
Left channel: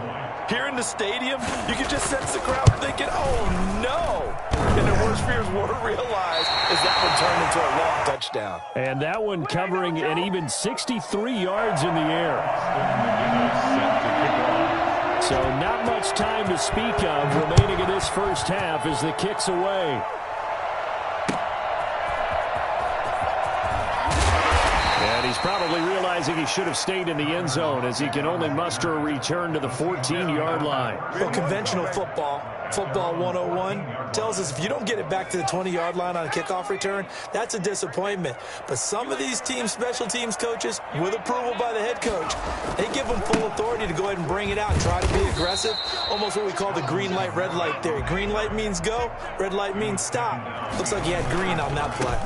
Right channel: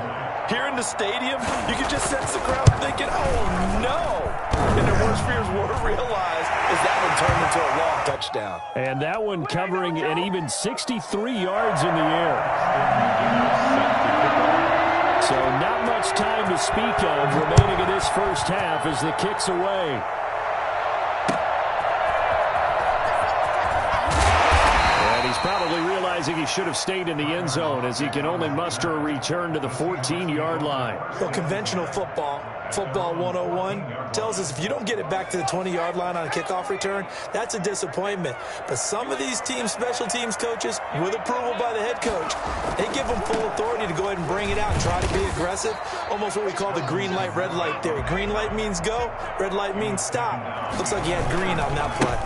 here in the stadium, you could just sense the crowd thinking, oh no! And their worst fears were realized as that one turned into a long touchdown. And that one covering an even 63 yards in the air. So not much time to speak of remaining in this first half as the kick's away. And he He's probably realizing he should have stayed in the end zone as he can only muster a return to the 14-yard line. Well, conventional football 101, tells us if you don't get it back to the 20-yard line on a kickoff return, that's a disappointment. But some of these teams, special teams coaches, with approval by the head coach, they give them full authority to go ahead and bring it out and try to be aggressive. Almost what we call the green light, red light theory. Green light means go, red light means stop. Looks like he had green on that play.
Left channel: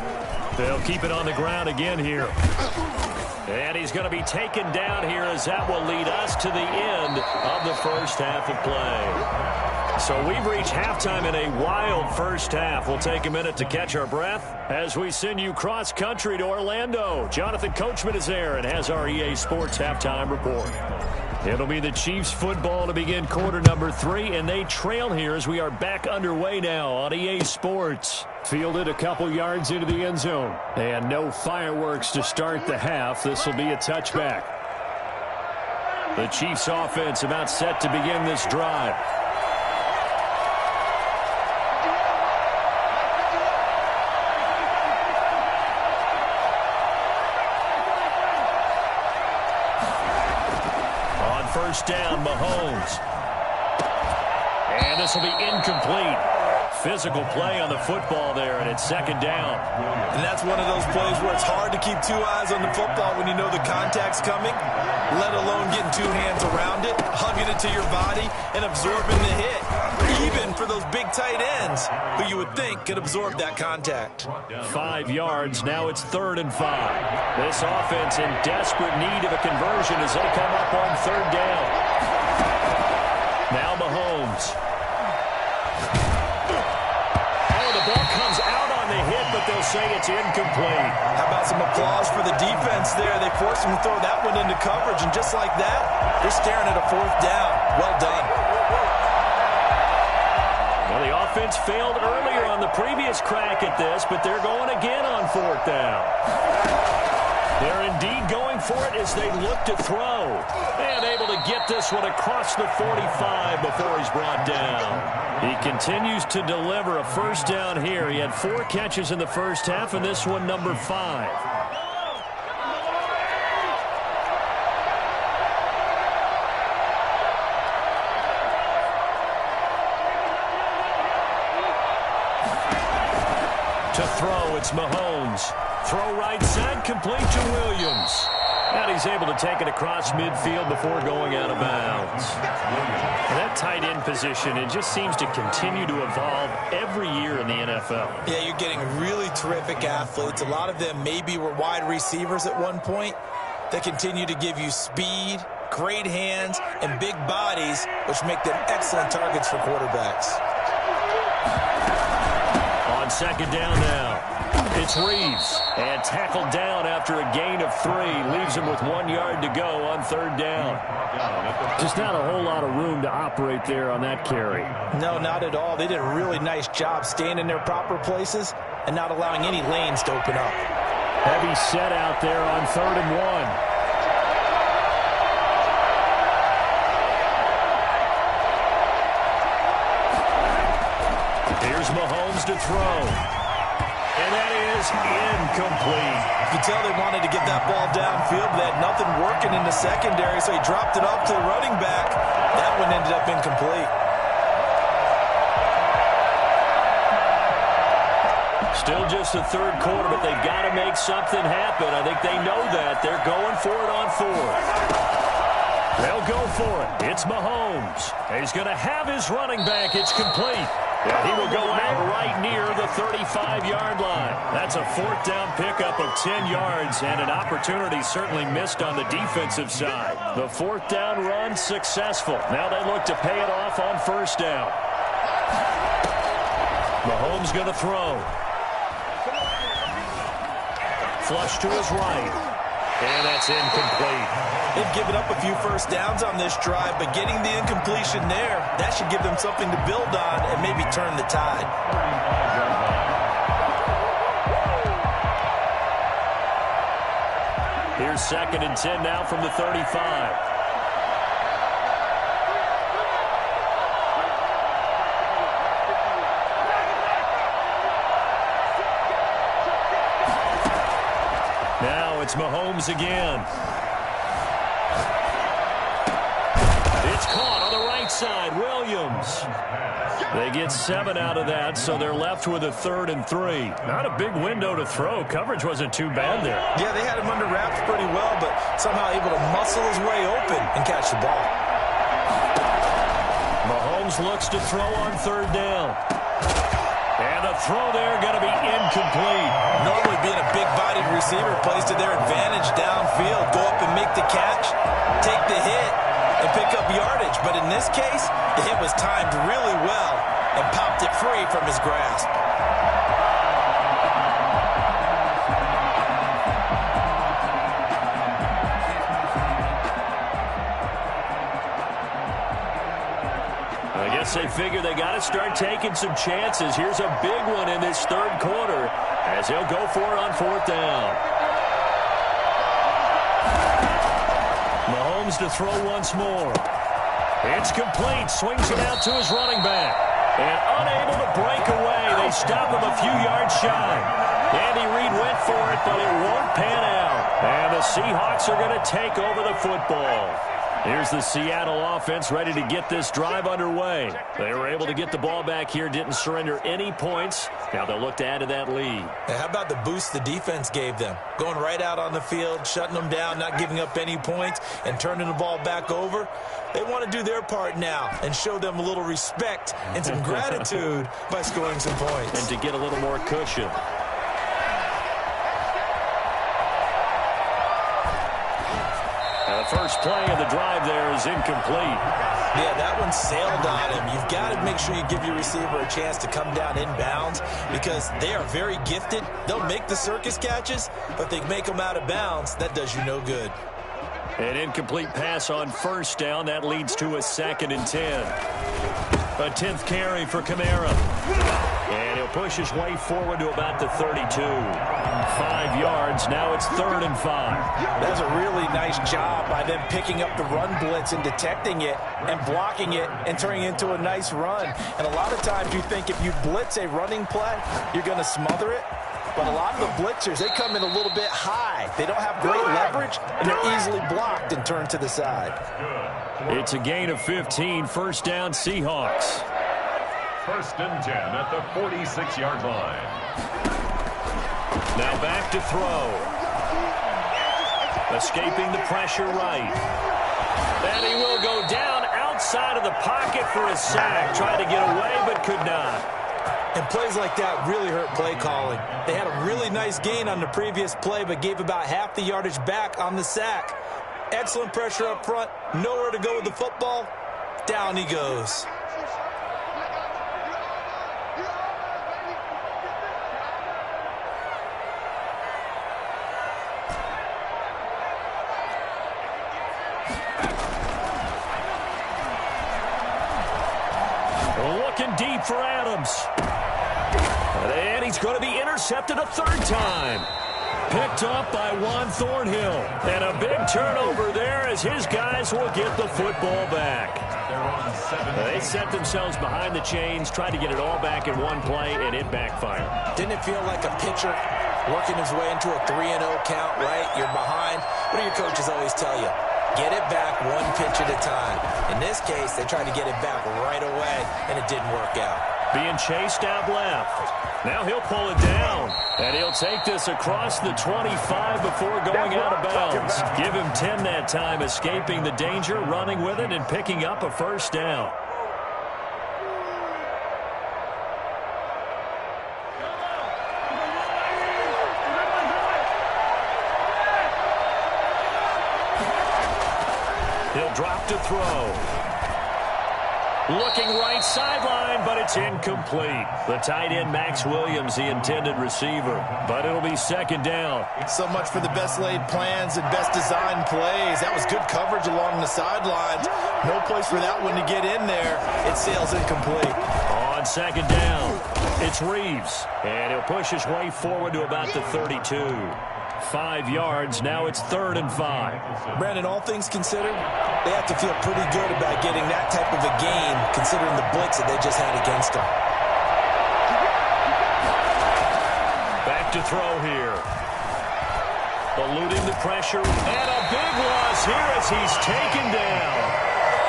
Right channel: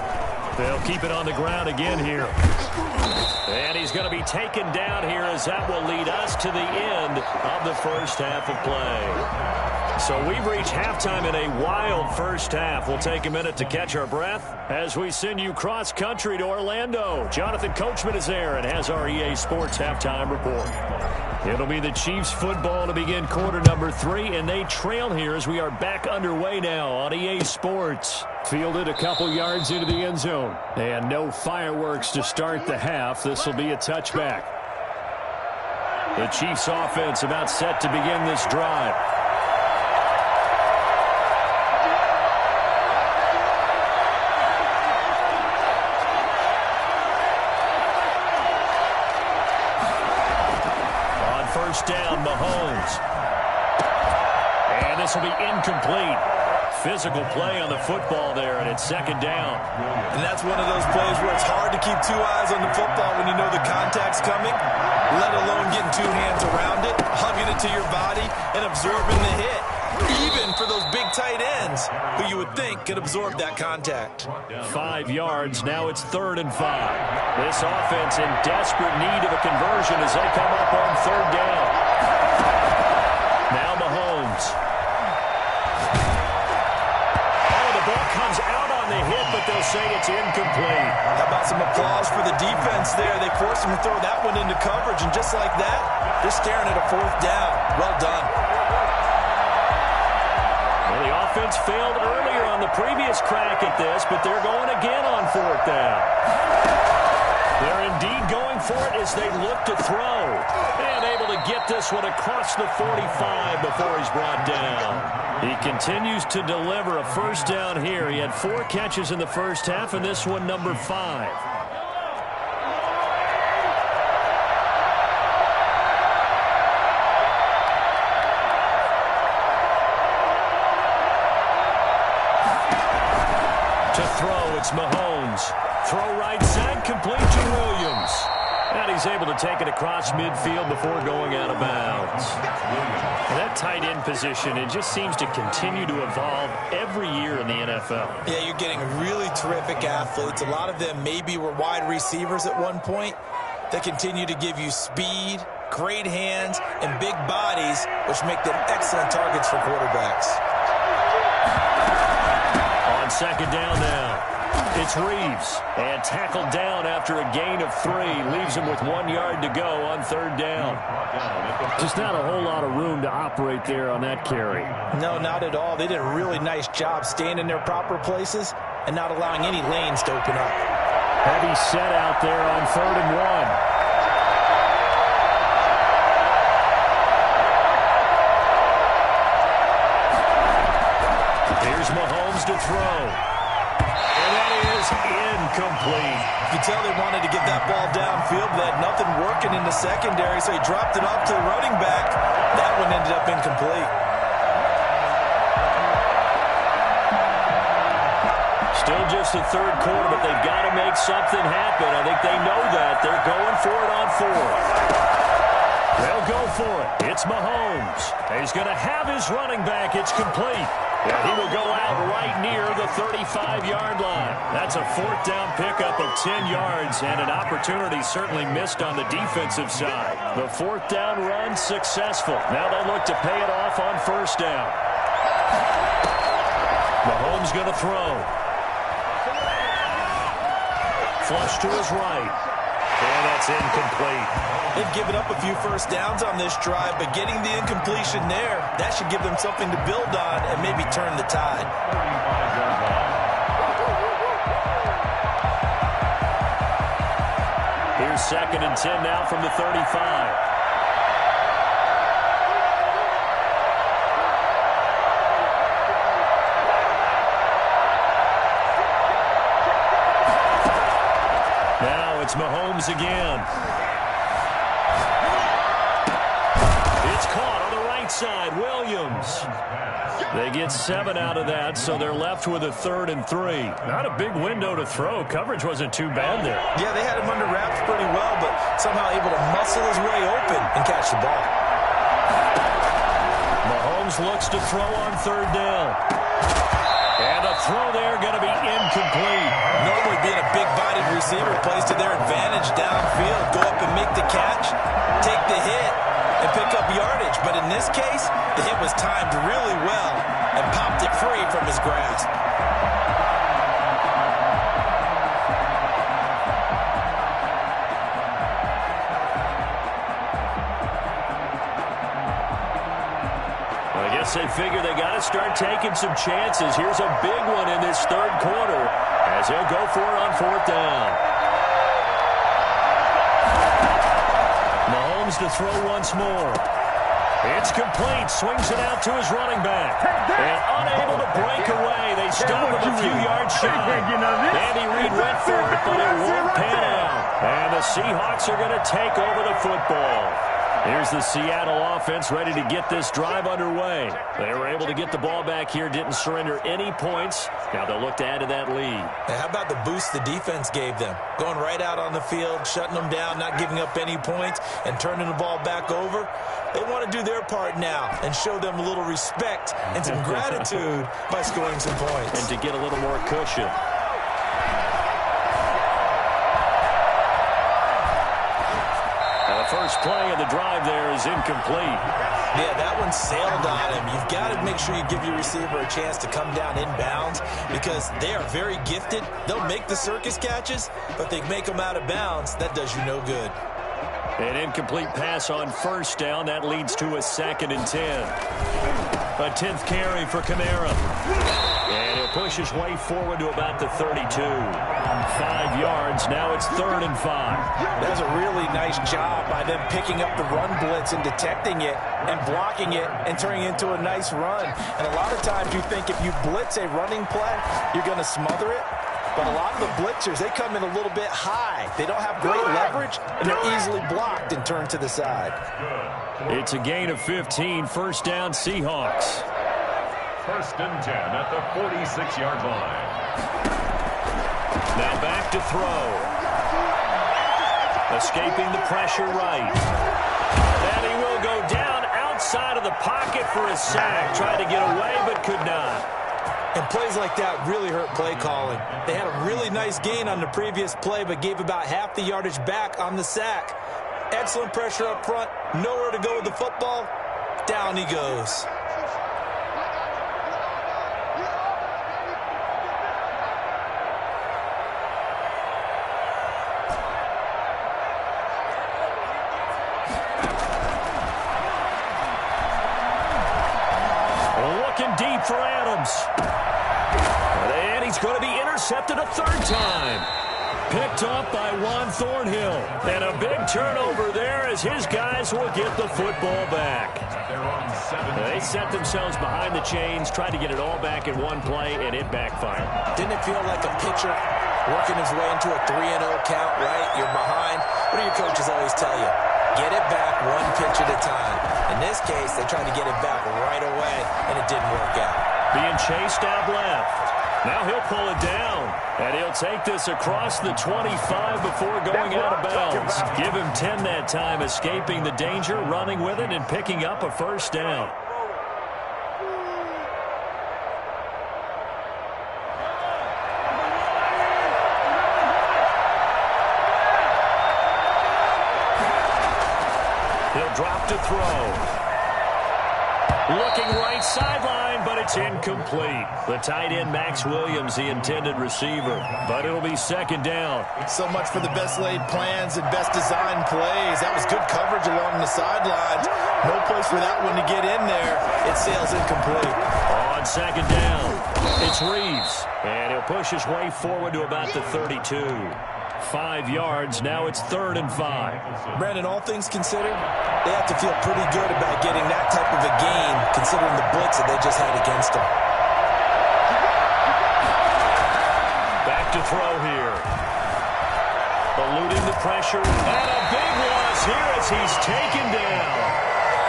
They'll keep it on the ground again here. And he's going to be taken down here as that will lead us to the end of the first half of play. So we've reached halftime in a wild first half. We'll take a minute to catch our breath as we send you cross-country to Orlando. Jonathan Coachman is there and has our EA Sports halftime report. It'll be the Chiefs football to begin quarter number 3, and they trail here as we are back underway now on EA Sports. Fielded a couple yards into the end zone, and no fireworks to start the half. This will be a touchback. The Chiefs offense about set to begin this drive. First down, Mahomes. And this will be incomplete. Physical play on the football there, and it's second down. And that's one of those plays where it's hard to keep 2 eyes on the football when you know the contact's coming, let alone getting 2 hands around it, hugging it to your body, and absorbing the hit. Even for those big tight ends who you would think could absorb that contact. 5 yards. Now it's 3rd and 5. This offense in desperate need of a conversion as they come up on 3rd down. Now Mahomes. Oh, the ball comes out on the hit, but they'll say it's incomplete. How about some applause for the defense there? They forced him to throw that one into coverage, and just like that, they're staring at a 4th down. Well done. Well, the offense failed earlier on the previous crack at this, but they're going again on 4th down. They're indeed going for it as they look to throw. And able to get this one across the 45 before he's brought down. He continues to deliver a first down here. He had 4 catches in the first half, and this one number 5. To throw, it's Mahomes. Throw right side, complete to Williams. And he's able to take it across midfield before going out of bounds. That tight end position, it just seems to continue to evolve every year in the NFL. Yeah, you're getting really terrific athletes. A lot of them maybe were wide receivers at one point that continue to give you speed, great hands, and big bodies, which make them excellent targets for quarterbacks. On second down now, it's Reeves. And tackled down after a gain of 3. Leaves him with 1 yard to go on 3rd down. Just not a whole lot of room to operate there on that carry. No, not at all. They did a really nice job staying in their proper places and not allowing any lanes to open up. Heavy set out there on 3rd and 1. Here's Mahomes to throw. And that is incomplete. You can tell they wanted to get that ball downfield, but they had nothing working in the secondary, so he dropped it off to the running back. That one ended up incomplete. Still just the 3rd quarter, but they've got to make something happen. I think they know that. They're going for it on 4th. They'll go for it. It's Mahomes. He's going to have his running back. It's complete. And he will go out right near the 35-yard line. That's a 4th down pickup of 10 yards and an opportunity certainly missed on the defensive side. The 4th down run successful. Now they look to pay it off on 1st down. Mahomes going to throw. Flush to his right. And that's incomplete. They've given up a few first downs on this drive, but getting the incompletion there, that should give them something to build on and maybe turn the tide. 35-yard line. Here's 2nd and 10 now from the 35. it's Mahomes again. It's caught on the right side. Williams. They get 7 out of that, so they're left with a 3rd and 3. Not a big window to throw. Coverage wasn't too bad there. Yeah, they had him under wraps pretty well, but somehow able to muscle his way open and catch the ball. Mahomes looks to throw on 3rd down. And the throw there going to be incomplete. Normally being a big-bodied receiver plays to their advantage downfield. Go up and make the catch, take the hit, and pick up yardage. But in this case, the hit was timed really well and popped it free from his grasp. I guess they figure they got to start taking some chances. Here's a big one in this 3rd quarter as he'll go for it on 4th down. Mahomes to throw once more. It's complete. Swings it out to his running back. And unable to break away. They stop him a few yards shy. Andy Reid went for it, but it won't pan out. And the Seahawks are going to take over the football. Here's the Seattle offense ready to get this drive underway. They were able to get the ball back here, didn't surrender any points. Now they'll look to add to that lead. Now, how about the boost the defense gave them? Going right out on the field, shutting them down, not giving up any points, and turning the ball back over. They want to do their part now and show them a little respect and some gratitude by scoring some points. And to get a little more cushion. Now the first play of the drive there is incomplete. Yeah, that one sailed on him. You've got to make sure you give your receiver a chance to come down inbounds because they are very gifted. They'll make the circus catches, but they make them out of bounds. That does you no good. An incomplete pass on 1st down. That leads to a 2nd and 10. A 10th carry for Kamara. And he'll push his way forward to about the 32. 5 yards. Now it's 3rd and 5. That was a really nice job by them picking up the run blitz and detecting it and blocking it and turning it into a nice run. And a lot of times you think if you blitz a running play, you're going to smother it. But a lot of the blitzers, they come in a little bit high. They don't have great leverage, and they're easily blocked and turned to the side. It's a gain of 15. 1st down, Seahawks. 1st and 10 at the 46-yard line. Now back to throw. Escaping the pressure right. And he will go down outside of the pocket for a sack. Tried to get away, but could not. And plays like that really hurt play calling. They had a really nice gain on the previous play, but gave about half the yardage back on the sack. Excellent pressure up front. Nowhere to go with the football. Down he goes. Looking deep for Adams. And he's going to be intercepted a 3rd time. Picked up by Juan Thornhill. And a big turnover there as his guys will get the football back. They set themselves behind the chains, tried to get it all back in one play, and it backfired. Didn't it feel like a pitcher working his way into a 3-0 count, right? You're behind. What do your coaches always tell you? Get it back one pitch at a time. In this case, they tried to get it back right away, and it didn't work out. Being chased out left. Now he'll pull it down. And he'll take this across the 25 before going out of bounds. Give him 10 that time, escaping the danger, running with it, and picking up a 1st down. He'll drop to throw. Looking right sideline, but it's incomplete. The tight end, Max Williams, the intended receiver. But it'll be 2nd down. So much for the best laid plans and best designed plays. That was good coverage along the sidelines. No place for that one to get in there. It sails incomplete. On 2nd down, it's Reeves. And he'll push his way forward to about the 32. 5 yards. Now it's 3rd and 5. Brandon, all things considered, they have to feel pretty good about getting that type of a game, considering the blitz that they just had against them. Back to throw here. eluding the pressure. And a big loss here as he's taken down.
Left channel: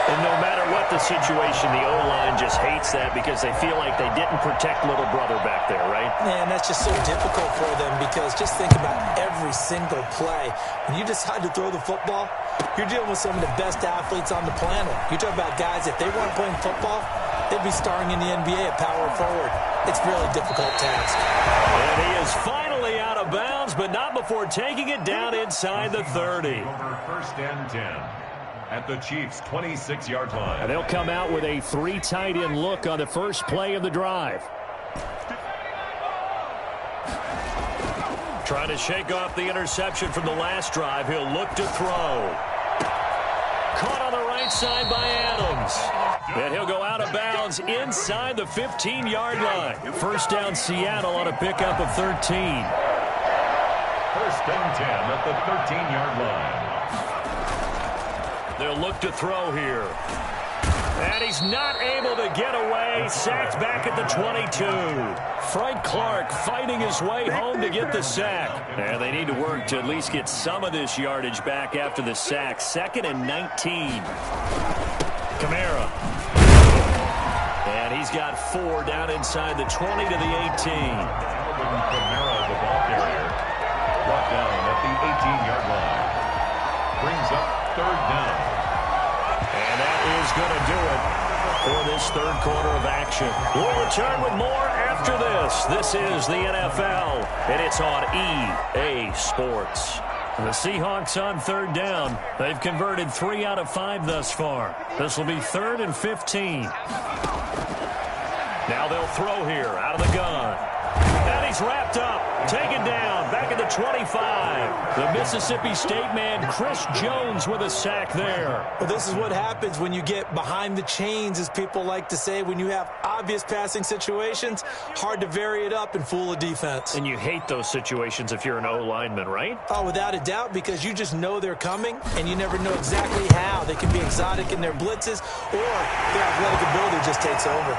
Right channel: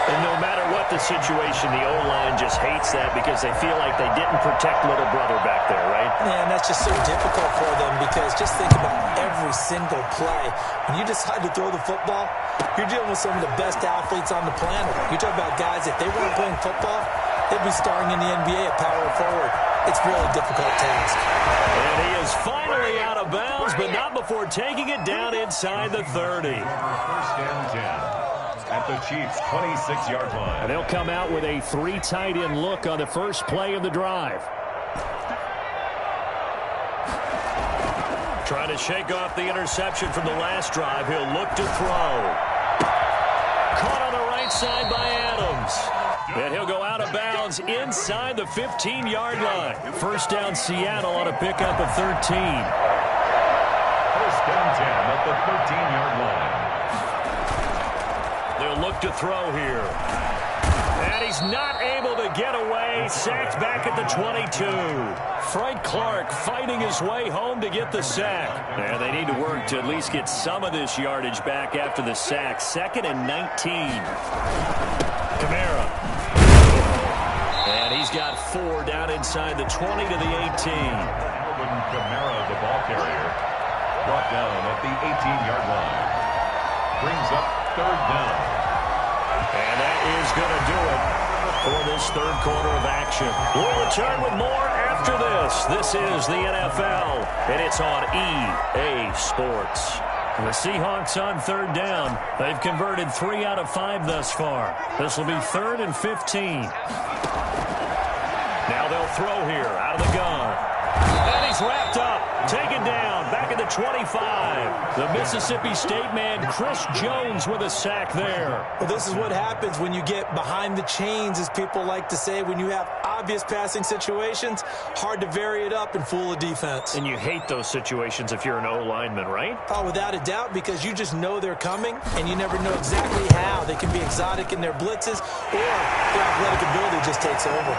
And no matter what the situation, the O-line just hates that because they feel like they didn't protect little brother back there, right? Man, that's just so difficult for them because just think about every single play. When you decide to throw the football, you're dealing with some of the best athletes on the planet. You talk about guys, if they weren't playing football, they'd be starring in the NBA at power forward. It's a really difficult task. And he is finally out of bounds, but not before taking it down inside the 30. First and 10. At the Chiefs' 26-yard line. And they'll come out with a 3 tight end look on the first play of the drive. Trying to shake off the interception from the last drive. He'll look to throw. Caught on the right side by Adams. And he'll go out of bounds inside the 15-yard line. First down Seattle on a pickup of 13. First and 10 at the 13-yard line. They'll look to throw here. And he's not able to get away. Sacked back at the 22. Frank Clark fighting his way home to get the sack. And they need to work to at least get some of this yardage back after the sack. 2nd and 19. Kamara. And he's got 4 down inside the 20 to the 18. Alvin Kamara, the ball carrier, brought down at the 18-yard line. Brings up 3rd down. And that is going to do it for this 3rd quarter of action. We'll return with more after this. This is the NFL, and it's on EA Sports. The Seahawks on 3rd down. They've converted 3 out of 5 thus far. This will be 3rd and 15. Now they'll throw here out of the gun. And he's wrapped up, taken down, back at the 25. The Mississippi State man, Chris Jones, with a sack there. Well, this is what happens when you get behind the chains, as people like to say. When you have obvious passing situations, hard to vary it up and fool a defense. And you hate those situations if you're an O-lineman, right? Oh, without a doubt, because you just know they're coming, and you never know exactly how. They can be exotic in their blitzes, or their athletic ability just takes over.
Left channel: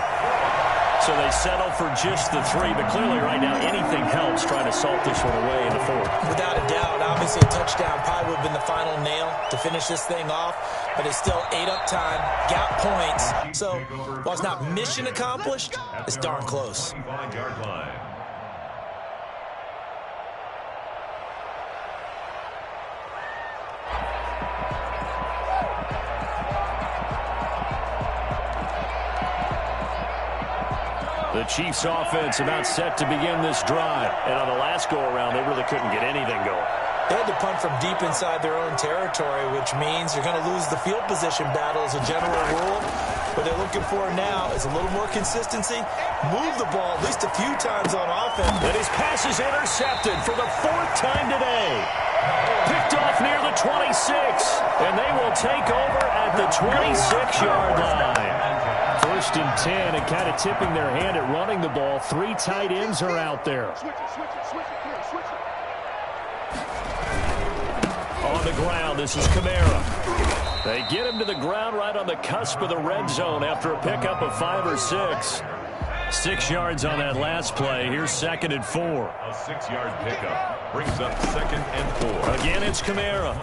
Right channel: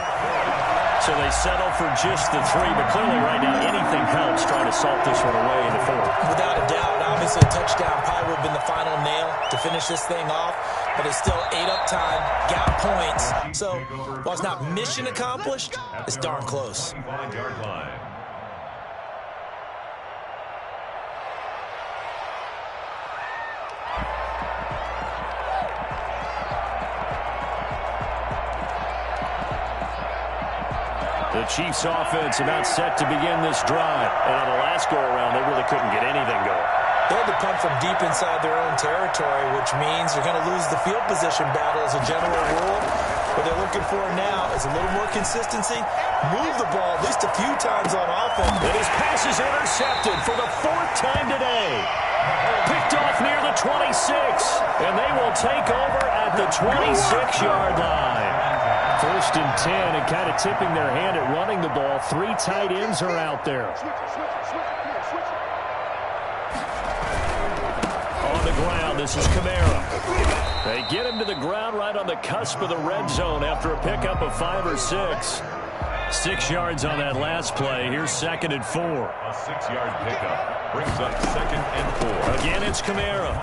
So they settle for just the 3, but clearly right now anything helps trying to salt this one away in the 4th. Without a doubt, obviously a touchdown probably would have been the final nail to finish this thing off, but it's still ate up time, got points. So while it's not mission accomplished, it's darn close. 25-yard line. The Chiefs offense about set to begin this drive. And on the last go-around, they really couldn't get anything going. They had to punt from deep inside their own territory, which means you're going to lose the field position battle as a general rule. What they're looking for now is a little more consistency. Move the ball at least a few times on offense. And his pass is intercepted for the 4th time today. Picked off near the 26. And they will take over at the 26-yard line. 1st and 10, and kind of tipping their hand at running the ball. 3 tight ends are out there. On the ground, this is Kamara. They get him to the ground right on the cusp of the red zone after a pickup of 5 or 6. 6 yards on that last play. Here's 2nd and 4. A 6-yard pickup brings up 2nd and 4. Again, it's Kamara.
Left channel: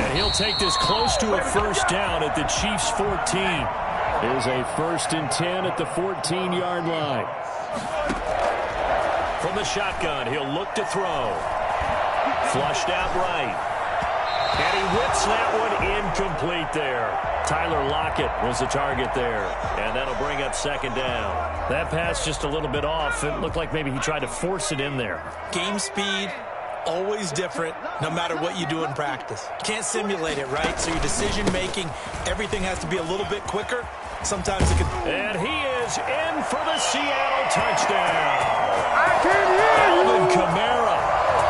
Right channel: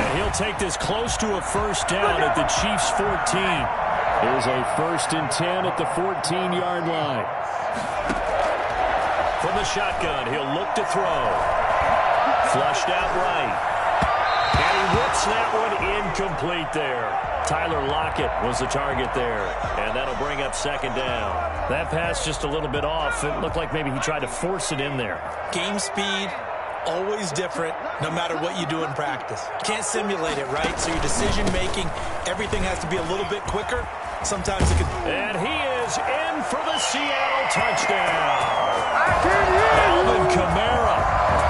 And he'll take this close to a 1st down at the Chiefs' 14. Here's a 1st and 10 at the 14-yard line. From the shotgun, he'll look to throw. Flushed out right. And he whips that one incomplete there. Tyler Lockett was the target there. And that'll bring up 2nd down. That pass just a little bit off. It looked like maybe he tried to force it in there. Game speed, always different, no matter what you do in practice. You can't simulate it, right? So your decision-making, everything has to be a little bit quicker. Sometimes it can... And he is in for the Seattle touchdown. Alvin Kamara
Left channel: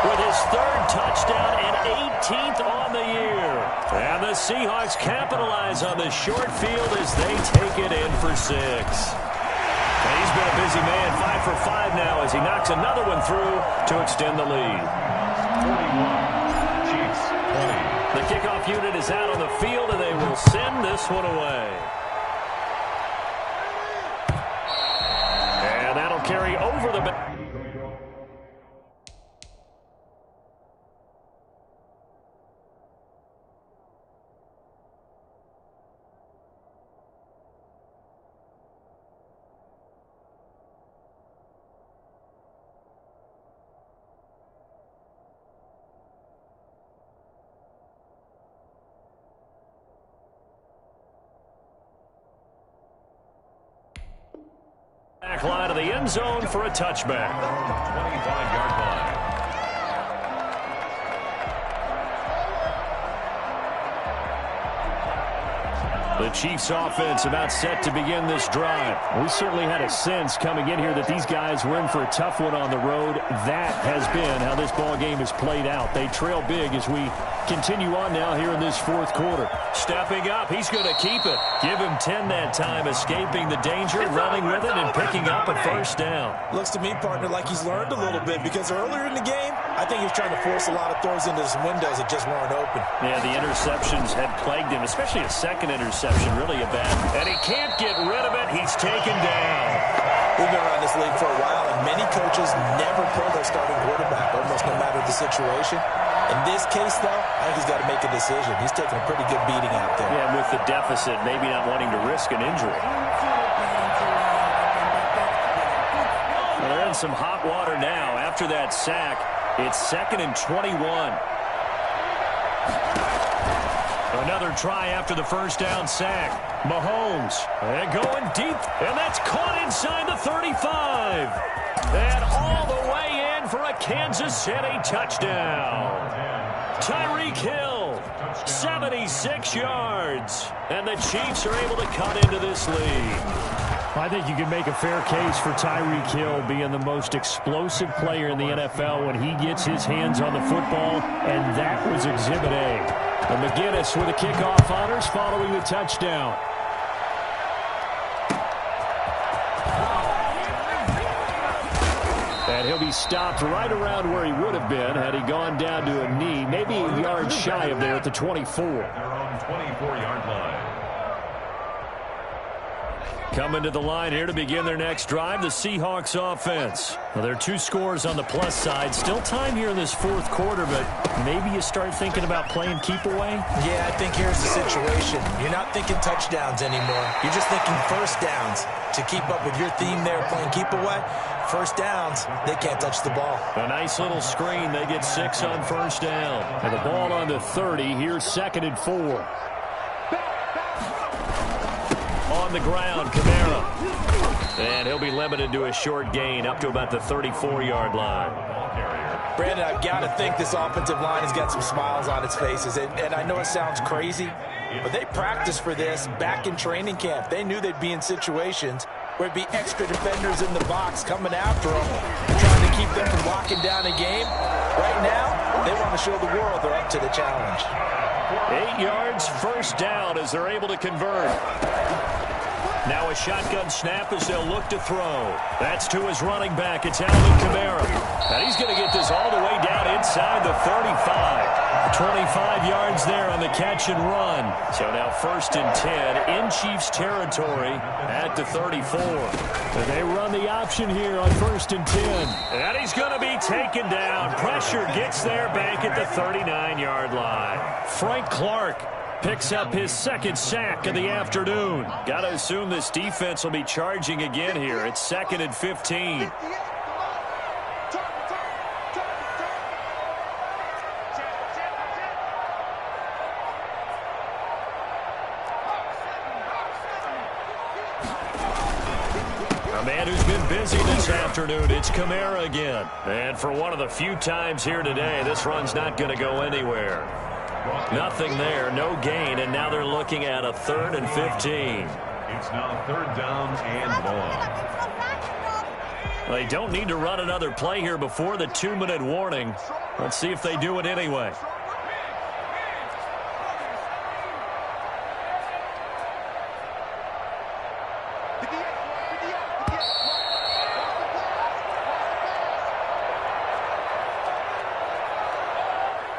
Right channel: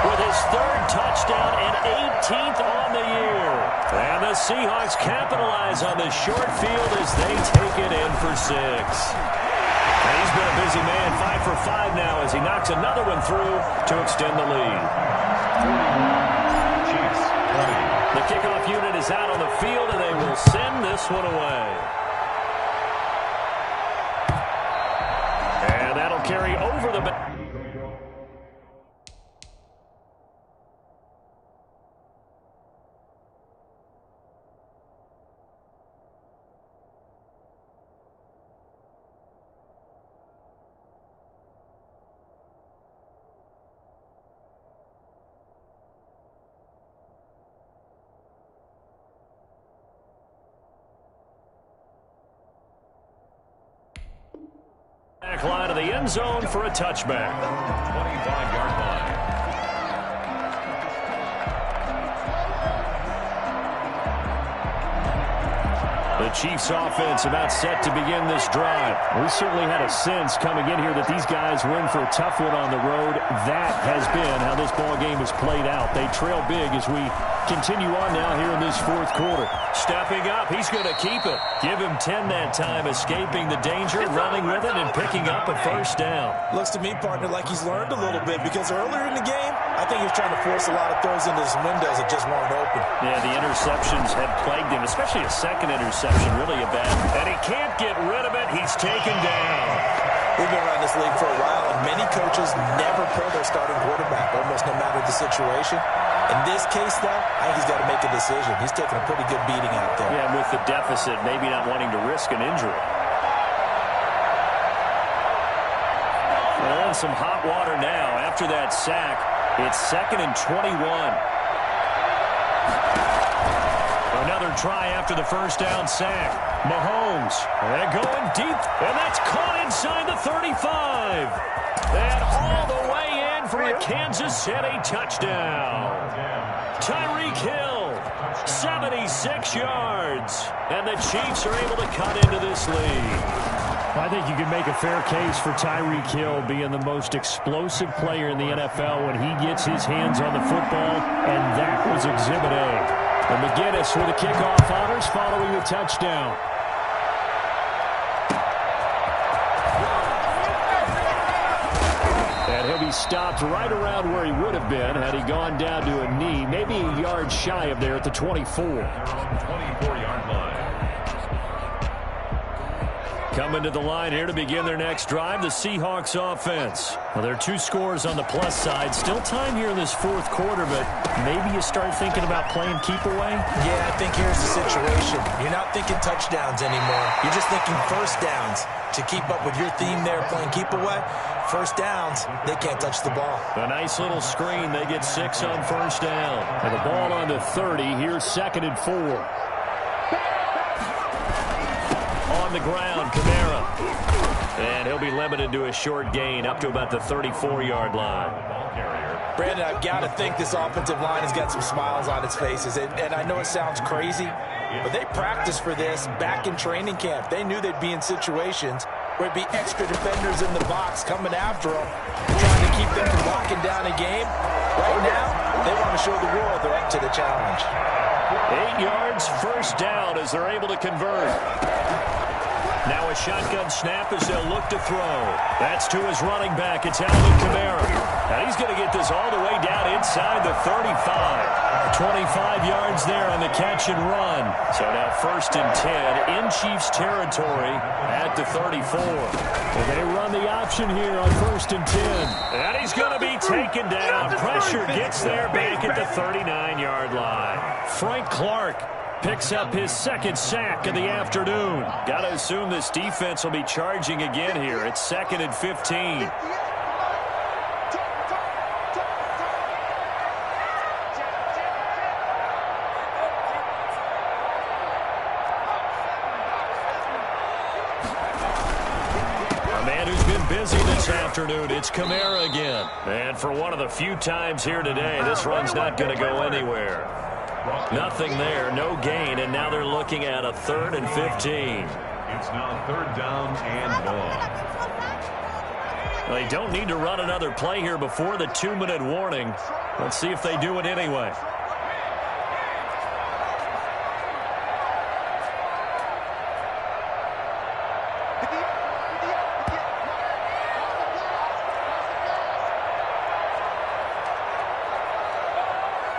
with his 3rd touchdown and 18th on the year. And the Seahawks capitalize on the short field as they take it in for 6. And he's been a busy man, 5 for 5 now as he knocks another one through to extend the lead. 41, Chiefs 20. The kickoff unit is out on the field, and they will send this one away. And that'll carry over the... back line of the end zone for a touchback. 25-yard line. The Chiefs offense about set to begin this drive. We certainly had a sense coming in here that these guys were in for a tough one on the road. That has been how this ball game has played out. They trail big as we continue on now here in this fourth quarter. Stepping up, he's going to keep it. Give him 10 that time, escaping the danger, running with it, and picking up a first down. Looks to me, partner, like he's learned a little bit because earlier in the game, I think he was trying to force a lot of throws into some windows that just weren't open. Yeah, the interceptions had plagued him, especially a second interception, really a bad. And he can't get rid of it. He's taken down. We've been around this league for a while, and many coaches never pull their starting quarterback, almost no matter the situation. In this case, though, I think he's got to make a decision. He's taking a pretty good beating out there. Yeah, with the deficit, maybe not wanting to risk an injury. Well, they're in some hot water now. After that sack, it's 2nd and 21. Another try after the first down sack. Mahomes, and going deep, and that's caught inside the 35. And all the way in for a Kansas City touchdown. Tyreek Hill, 76 yards. And the Chiefs are able to cut into this lead. I think you can make a fair case for Tyreek Hill being the most explosive player in the NFL when he gets his hands on the football, and that was Exhibit A. And McGinnis with a kickoff honors following the touchdown. And he'll be stopped right around where he would have been had he gone down to a knee, maybe a yard shy of there at the 24. They're on 24-yard line. Coming to the line here to begin their next drive, the Seahawks offense. Well, there are 2 scores on the plus side. Still time here in this fourth quarter, but maybe you start thinking about playing keep away? Yeah, I think here's the situation. You're not thinking touchdowns anymore. You're just thinking first downs. To keep up with your theme there, playing keep away, first downs, they can't touch the ball. A nice little screen. They get 6 on first down. And the ball on the 30. Here's 2nd and 4. On the ground, Kamara. And he'll be limited to a short gain up to about the 34-yard line. Brandon, I've got to think this offensive line has got some smiles on its faces. And I know it sounds crazy, but they practiced for this back in training camp. They knew they'd be in situations where it'd be extra defenders in the box coming after them, trying to keep them from locking down a game. Right now, they want to show the world they're up to the challenge. 8 yards, first down as they're able to convert. Now a shotgun snap as they'll look to throw. That's to his running back. It's Alvin Kamara. And he's going to get this all the way down inside the 35. 25 yards there on the catch and run. So now 1st and 10 in Chiefs territory at the 34. And they run the option here on 1st and 10. And he's going to be taken down. Pressure gets there back at the 39-yard line. Frank Clark picks up his 2nd sack of the afternoon. Got to assume this defense will be charging again here. It's 2nd and 15. A man who's been busy this afternoon, it's Kamara again. And for one of the few times here today, this run's not going to go anywhere. Nothing there, no gain, and now they're looking at a 3rd and 15. It's now 3rd down and long. They don't need to run another play here before the 2-minute warning. Let's see if they do it anyway.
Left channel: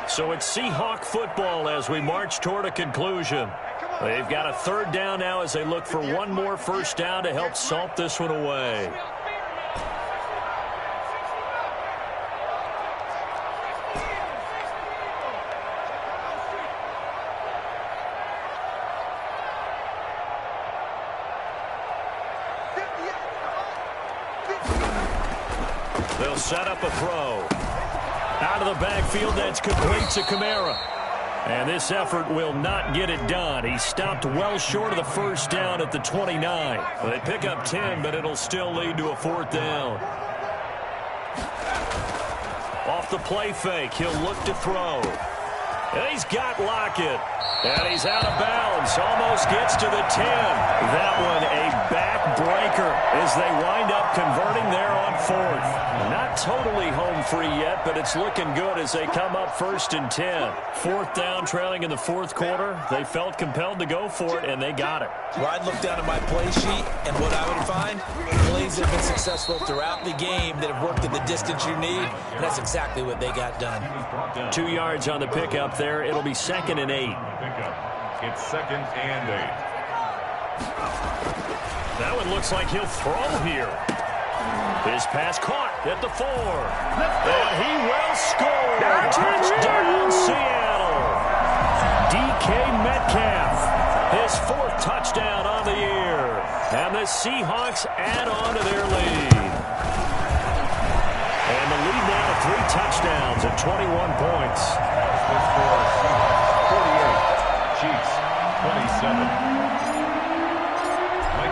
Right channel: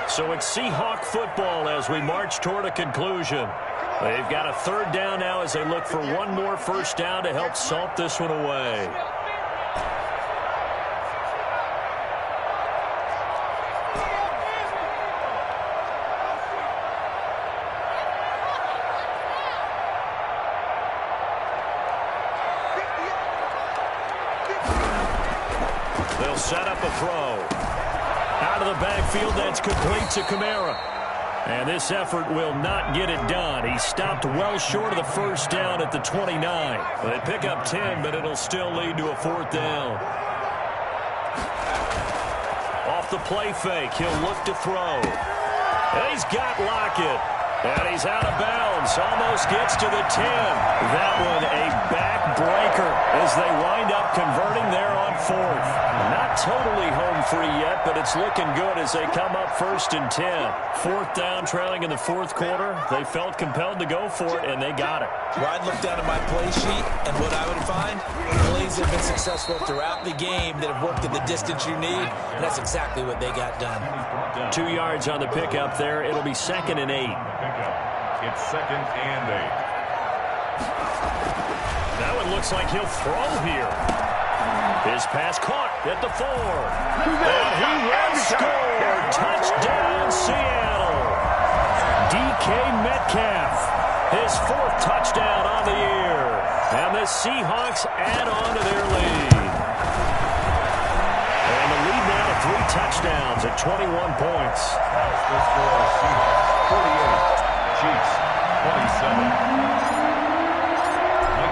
So it's Seahawk football as we march toward a conclusion. They've got a 3rd down now as they look for one more first down to help salt this one away. They'll set up a throw. Out of the backfield, that's complete to Kamara. And this effort will not get it done. He stopped well short of the first down at the 29. They pick up 10, but it'll still lead to a 4th down. Off the play fake, he'll look to throw. And he's got Lockett. And he's out of bounds. Almost gets to the 10. That one a backbreaker as they wind up converting there on 4th. Not totally home free yet, but it's looking good as they come up 1st and 10. 4th down, trailing in the 4th quarter. They felt compelled to go for it, and they got it. Well, I'd look down at my play sheet, and what I would find, plays have been successful throughout the game that have worked at the distance you need, and that's exactly what they got done. 2 yards on the pickup there. It'll be 2nd and 8. It's 2nd and 8. That one looks like he'll throw here. His pass caught at the 4. And he will score. Touchdown, Seattle. DK Metcalf. His 4th touchdown on the year. And the Seahawks add on to their lead. And the lead now to 3 touchdowns at 21 points. The score, Seahawks 48. Chiefs 27.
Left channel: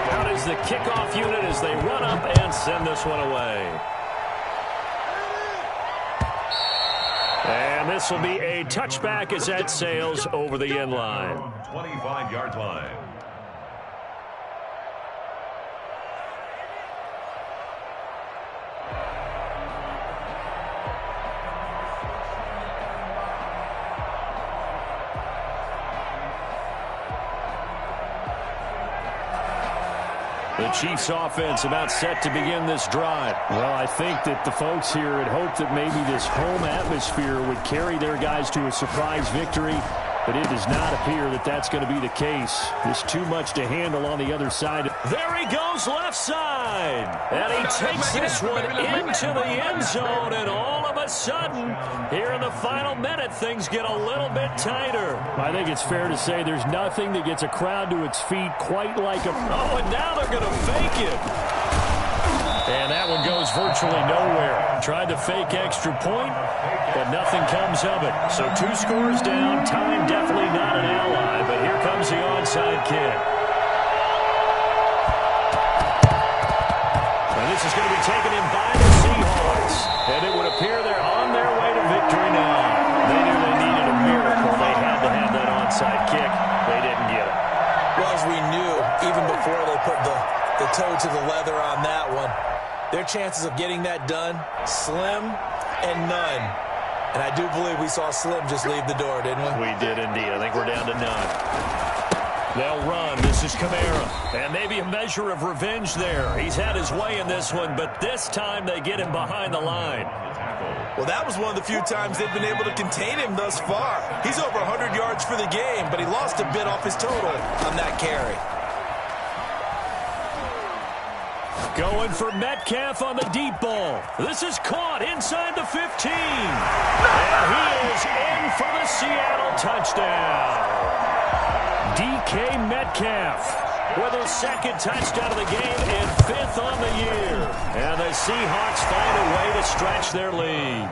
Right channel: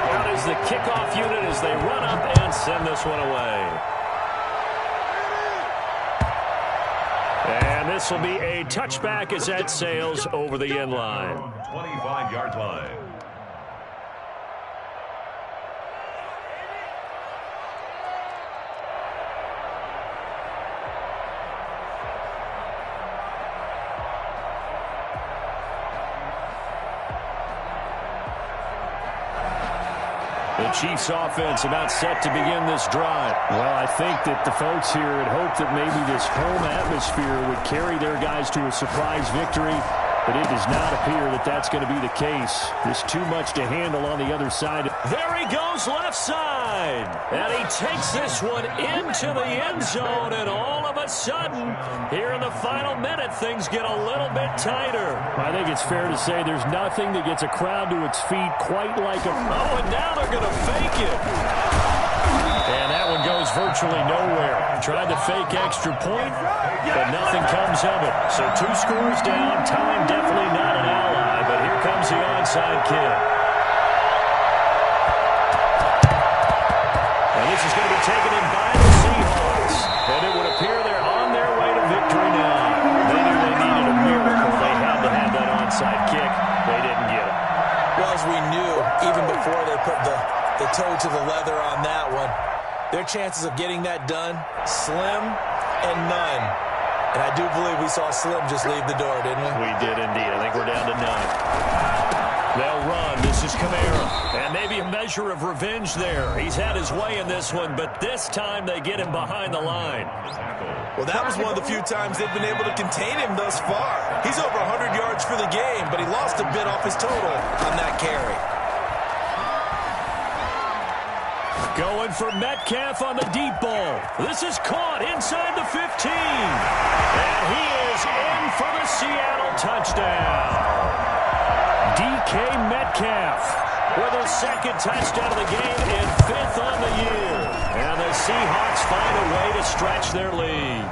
Out is the kickoff unit as they run up and send this one away. And this will be a touchback as that sails over the end line. 25-yard line. The Chiefs offense about set to begin this drive. Well, I think that the folks here had hoped that maybe this home atmosphere would carry their guys to a surprise victory, but it does not appear that that's going to be the case. There's too much to handle on the other side. There he goes left side. And he takes this one into the end zone, and all of a sudden, here in the final minute, things get a little bit tighter. I think it's fair to say there's nothing that gets a crowd to its feet quite like a... Oh, and now they're going to fake it. And that one goes virtually nowhere. Tried to fake extra point, but nothing comes of it. So 2 scores down. Time definitely not an ally, but here comes the onside kick. And this is going to be taken in by the Seahawks. And it would appear they're on their way to victory now. They knew they needed a miracle. They had to have that onside kick. They didn't get it. Well, as we knew, even before they put the toe to the leather on that one, their chances of getting that done, slim and none. And I do believe we saw Slim just leave the door, didn't we? We did indeed. I think we're down to none. They'll run. This is Kamara. And maybe a measure of revenge there. He's had his way in this one, but this time they get him behind the line. Well, that was one of the few times they've been able to contain him thus far. He's over 100 yards for the game, but he lost a bit off his total on that carry. Going for Metcalf on the deep ball. This is caught inside the 15. And he is in for the Seattle touchdown. DK Metcalf with his 2nd touchdown of the game and 5th on the year. And the Seahawks find a way to stretch their lead.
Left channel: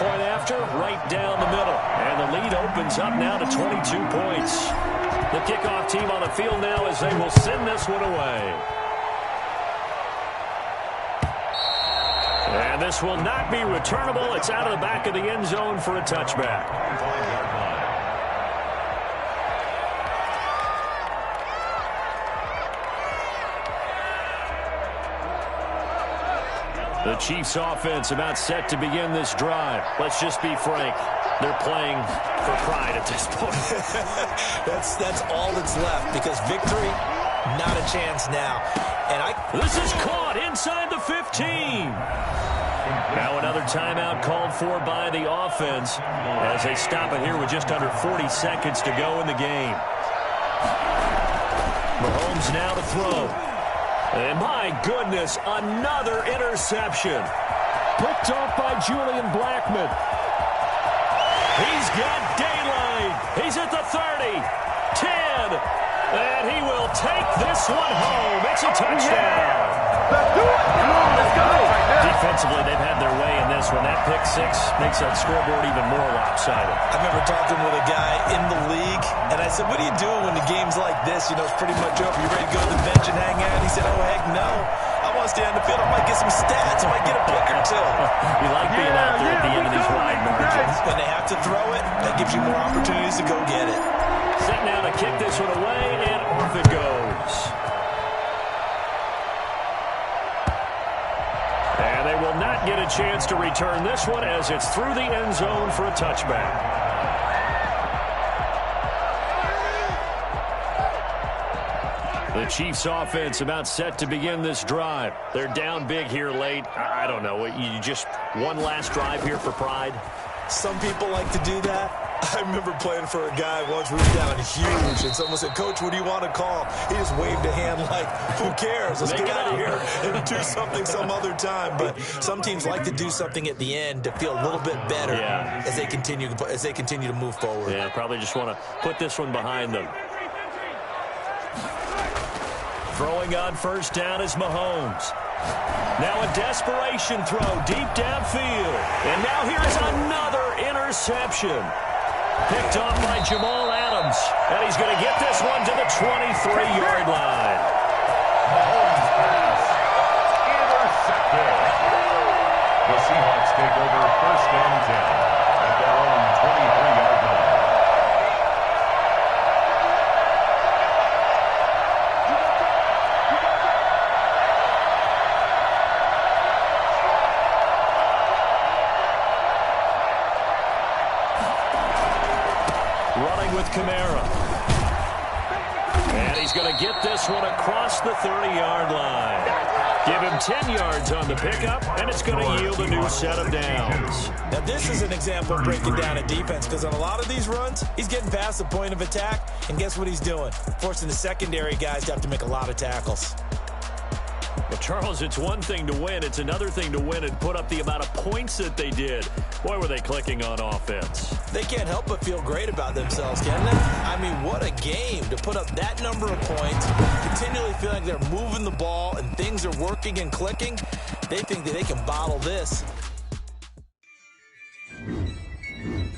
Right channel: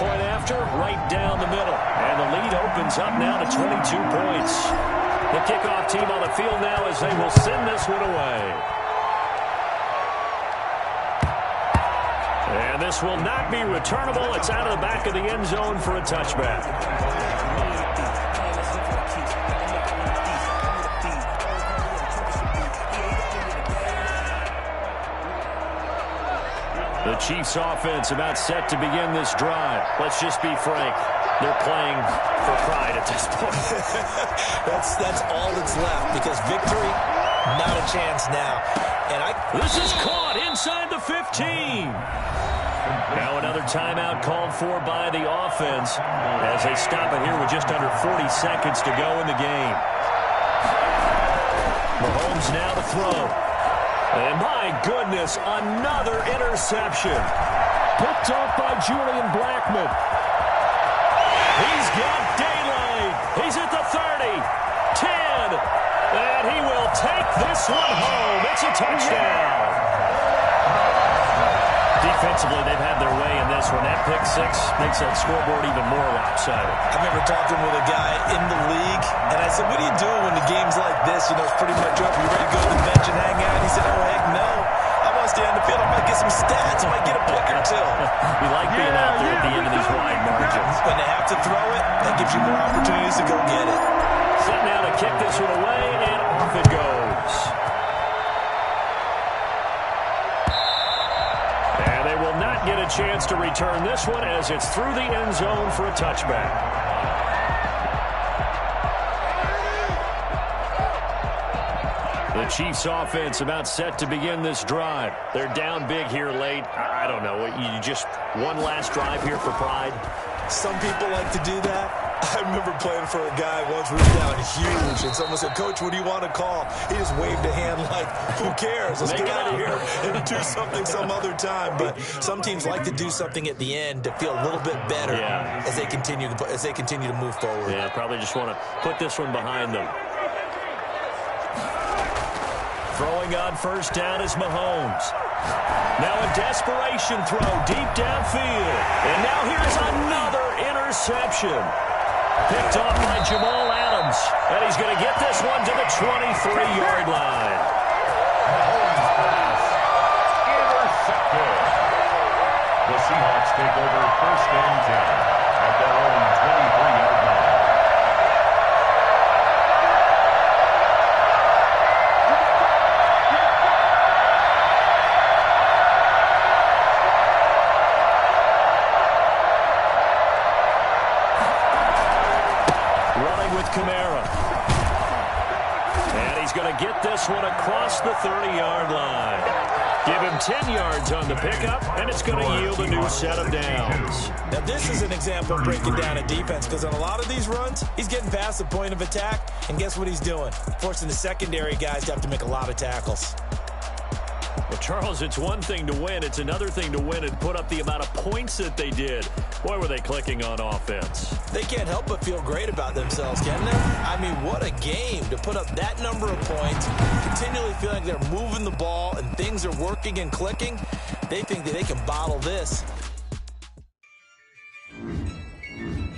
Point after, right down the middle. And the lead opens up now to 22 points. The kickoff team on the field now as they will send this one away. And this will not be returnable. It's out of the back of the end zone for a touchback. The Chiefs offense about set to begin this drive. Let's just be frank. They're playing for pride at this point. That's all that's left, because victory, not a chance now. And this is caught inside the 15. Now another timeout called for by the offense as they stop it here with just under 40 seconds to go in the game. Mahomes now to throw. And my goodness, another interception. Picked off by Julian Blackmon. He's got daylight. He's at the 30, 10, and he will take this one home. It's a touchdown. Defensively, they've had their way in this one. That pick six makes that scoreboard even more lopsided. I remember talking with a guy in the league, and I said, what are you doing when the game's like this? You know, it's pretty much over. You ready to go to the bench and hang out? He said, oh, heck no. I want to stay on the field. I might get some stats. I might get a pick or two. You like being out there at the end of these wide margins. When they have to throw it, that gives you more opportunities to go get it. Set now to kick this one away, and off it goes. And they will not get a chance to return this one as it's through the end zone for a touchback. The Chiefs offense about set to begin this drive. They're down big here late. I don't know. You just one last drive here for pride? Some people like to do that. I remember playing for a guy once. We were down huge, and someone said, Coach, what do you want to call? He just waved a hand like, who cares? Let's get out of here and do something some other time. But some teams like to do something at the end to feel a little bit better as they continue to move forward. Yeah, probably just want to put this one behind them. Throwing on first down is Mahomes. Now a desperation throw deep downfield. And now here's another interception. Picked off by Jamal Adams. And he's going to get this one to the 23-yard line. Mahomes pass intercepted. The Seahawks take over first and 10 at their own 23-yard line. Running with Kamara. And he's going to get this one across the 30-yard line. Give him 10 yards on the pickup, and it's going to yield a new set of downs. Now, this is an example of breaking down a defense, because on a lot of these runs, he's getting past the point of attack, and guess what he's doing? Forcing the secondary guys to have to make a lot of tackles. Well, Charles, it's one thing to win. It's another thing to win and put up the amount of points that they did. Boy, were they clicking on offense. They can't help but feel great about themselves, can they? I mean, what a game to put up that number of points, continually feeling like they're moving the ball and things are working and clicking. They think that they can bottle this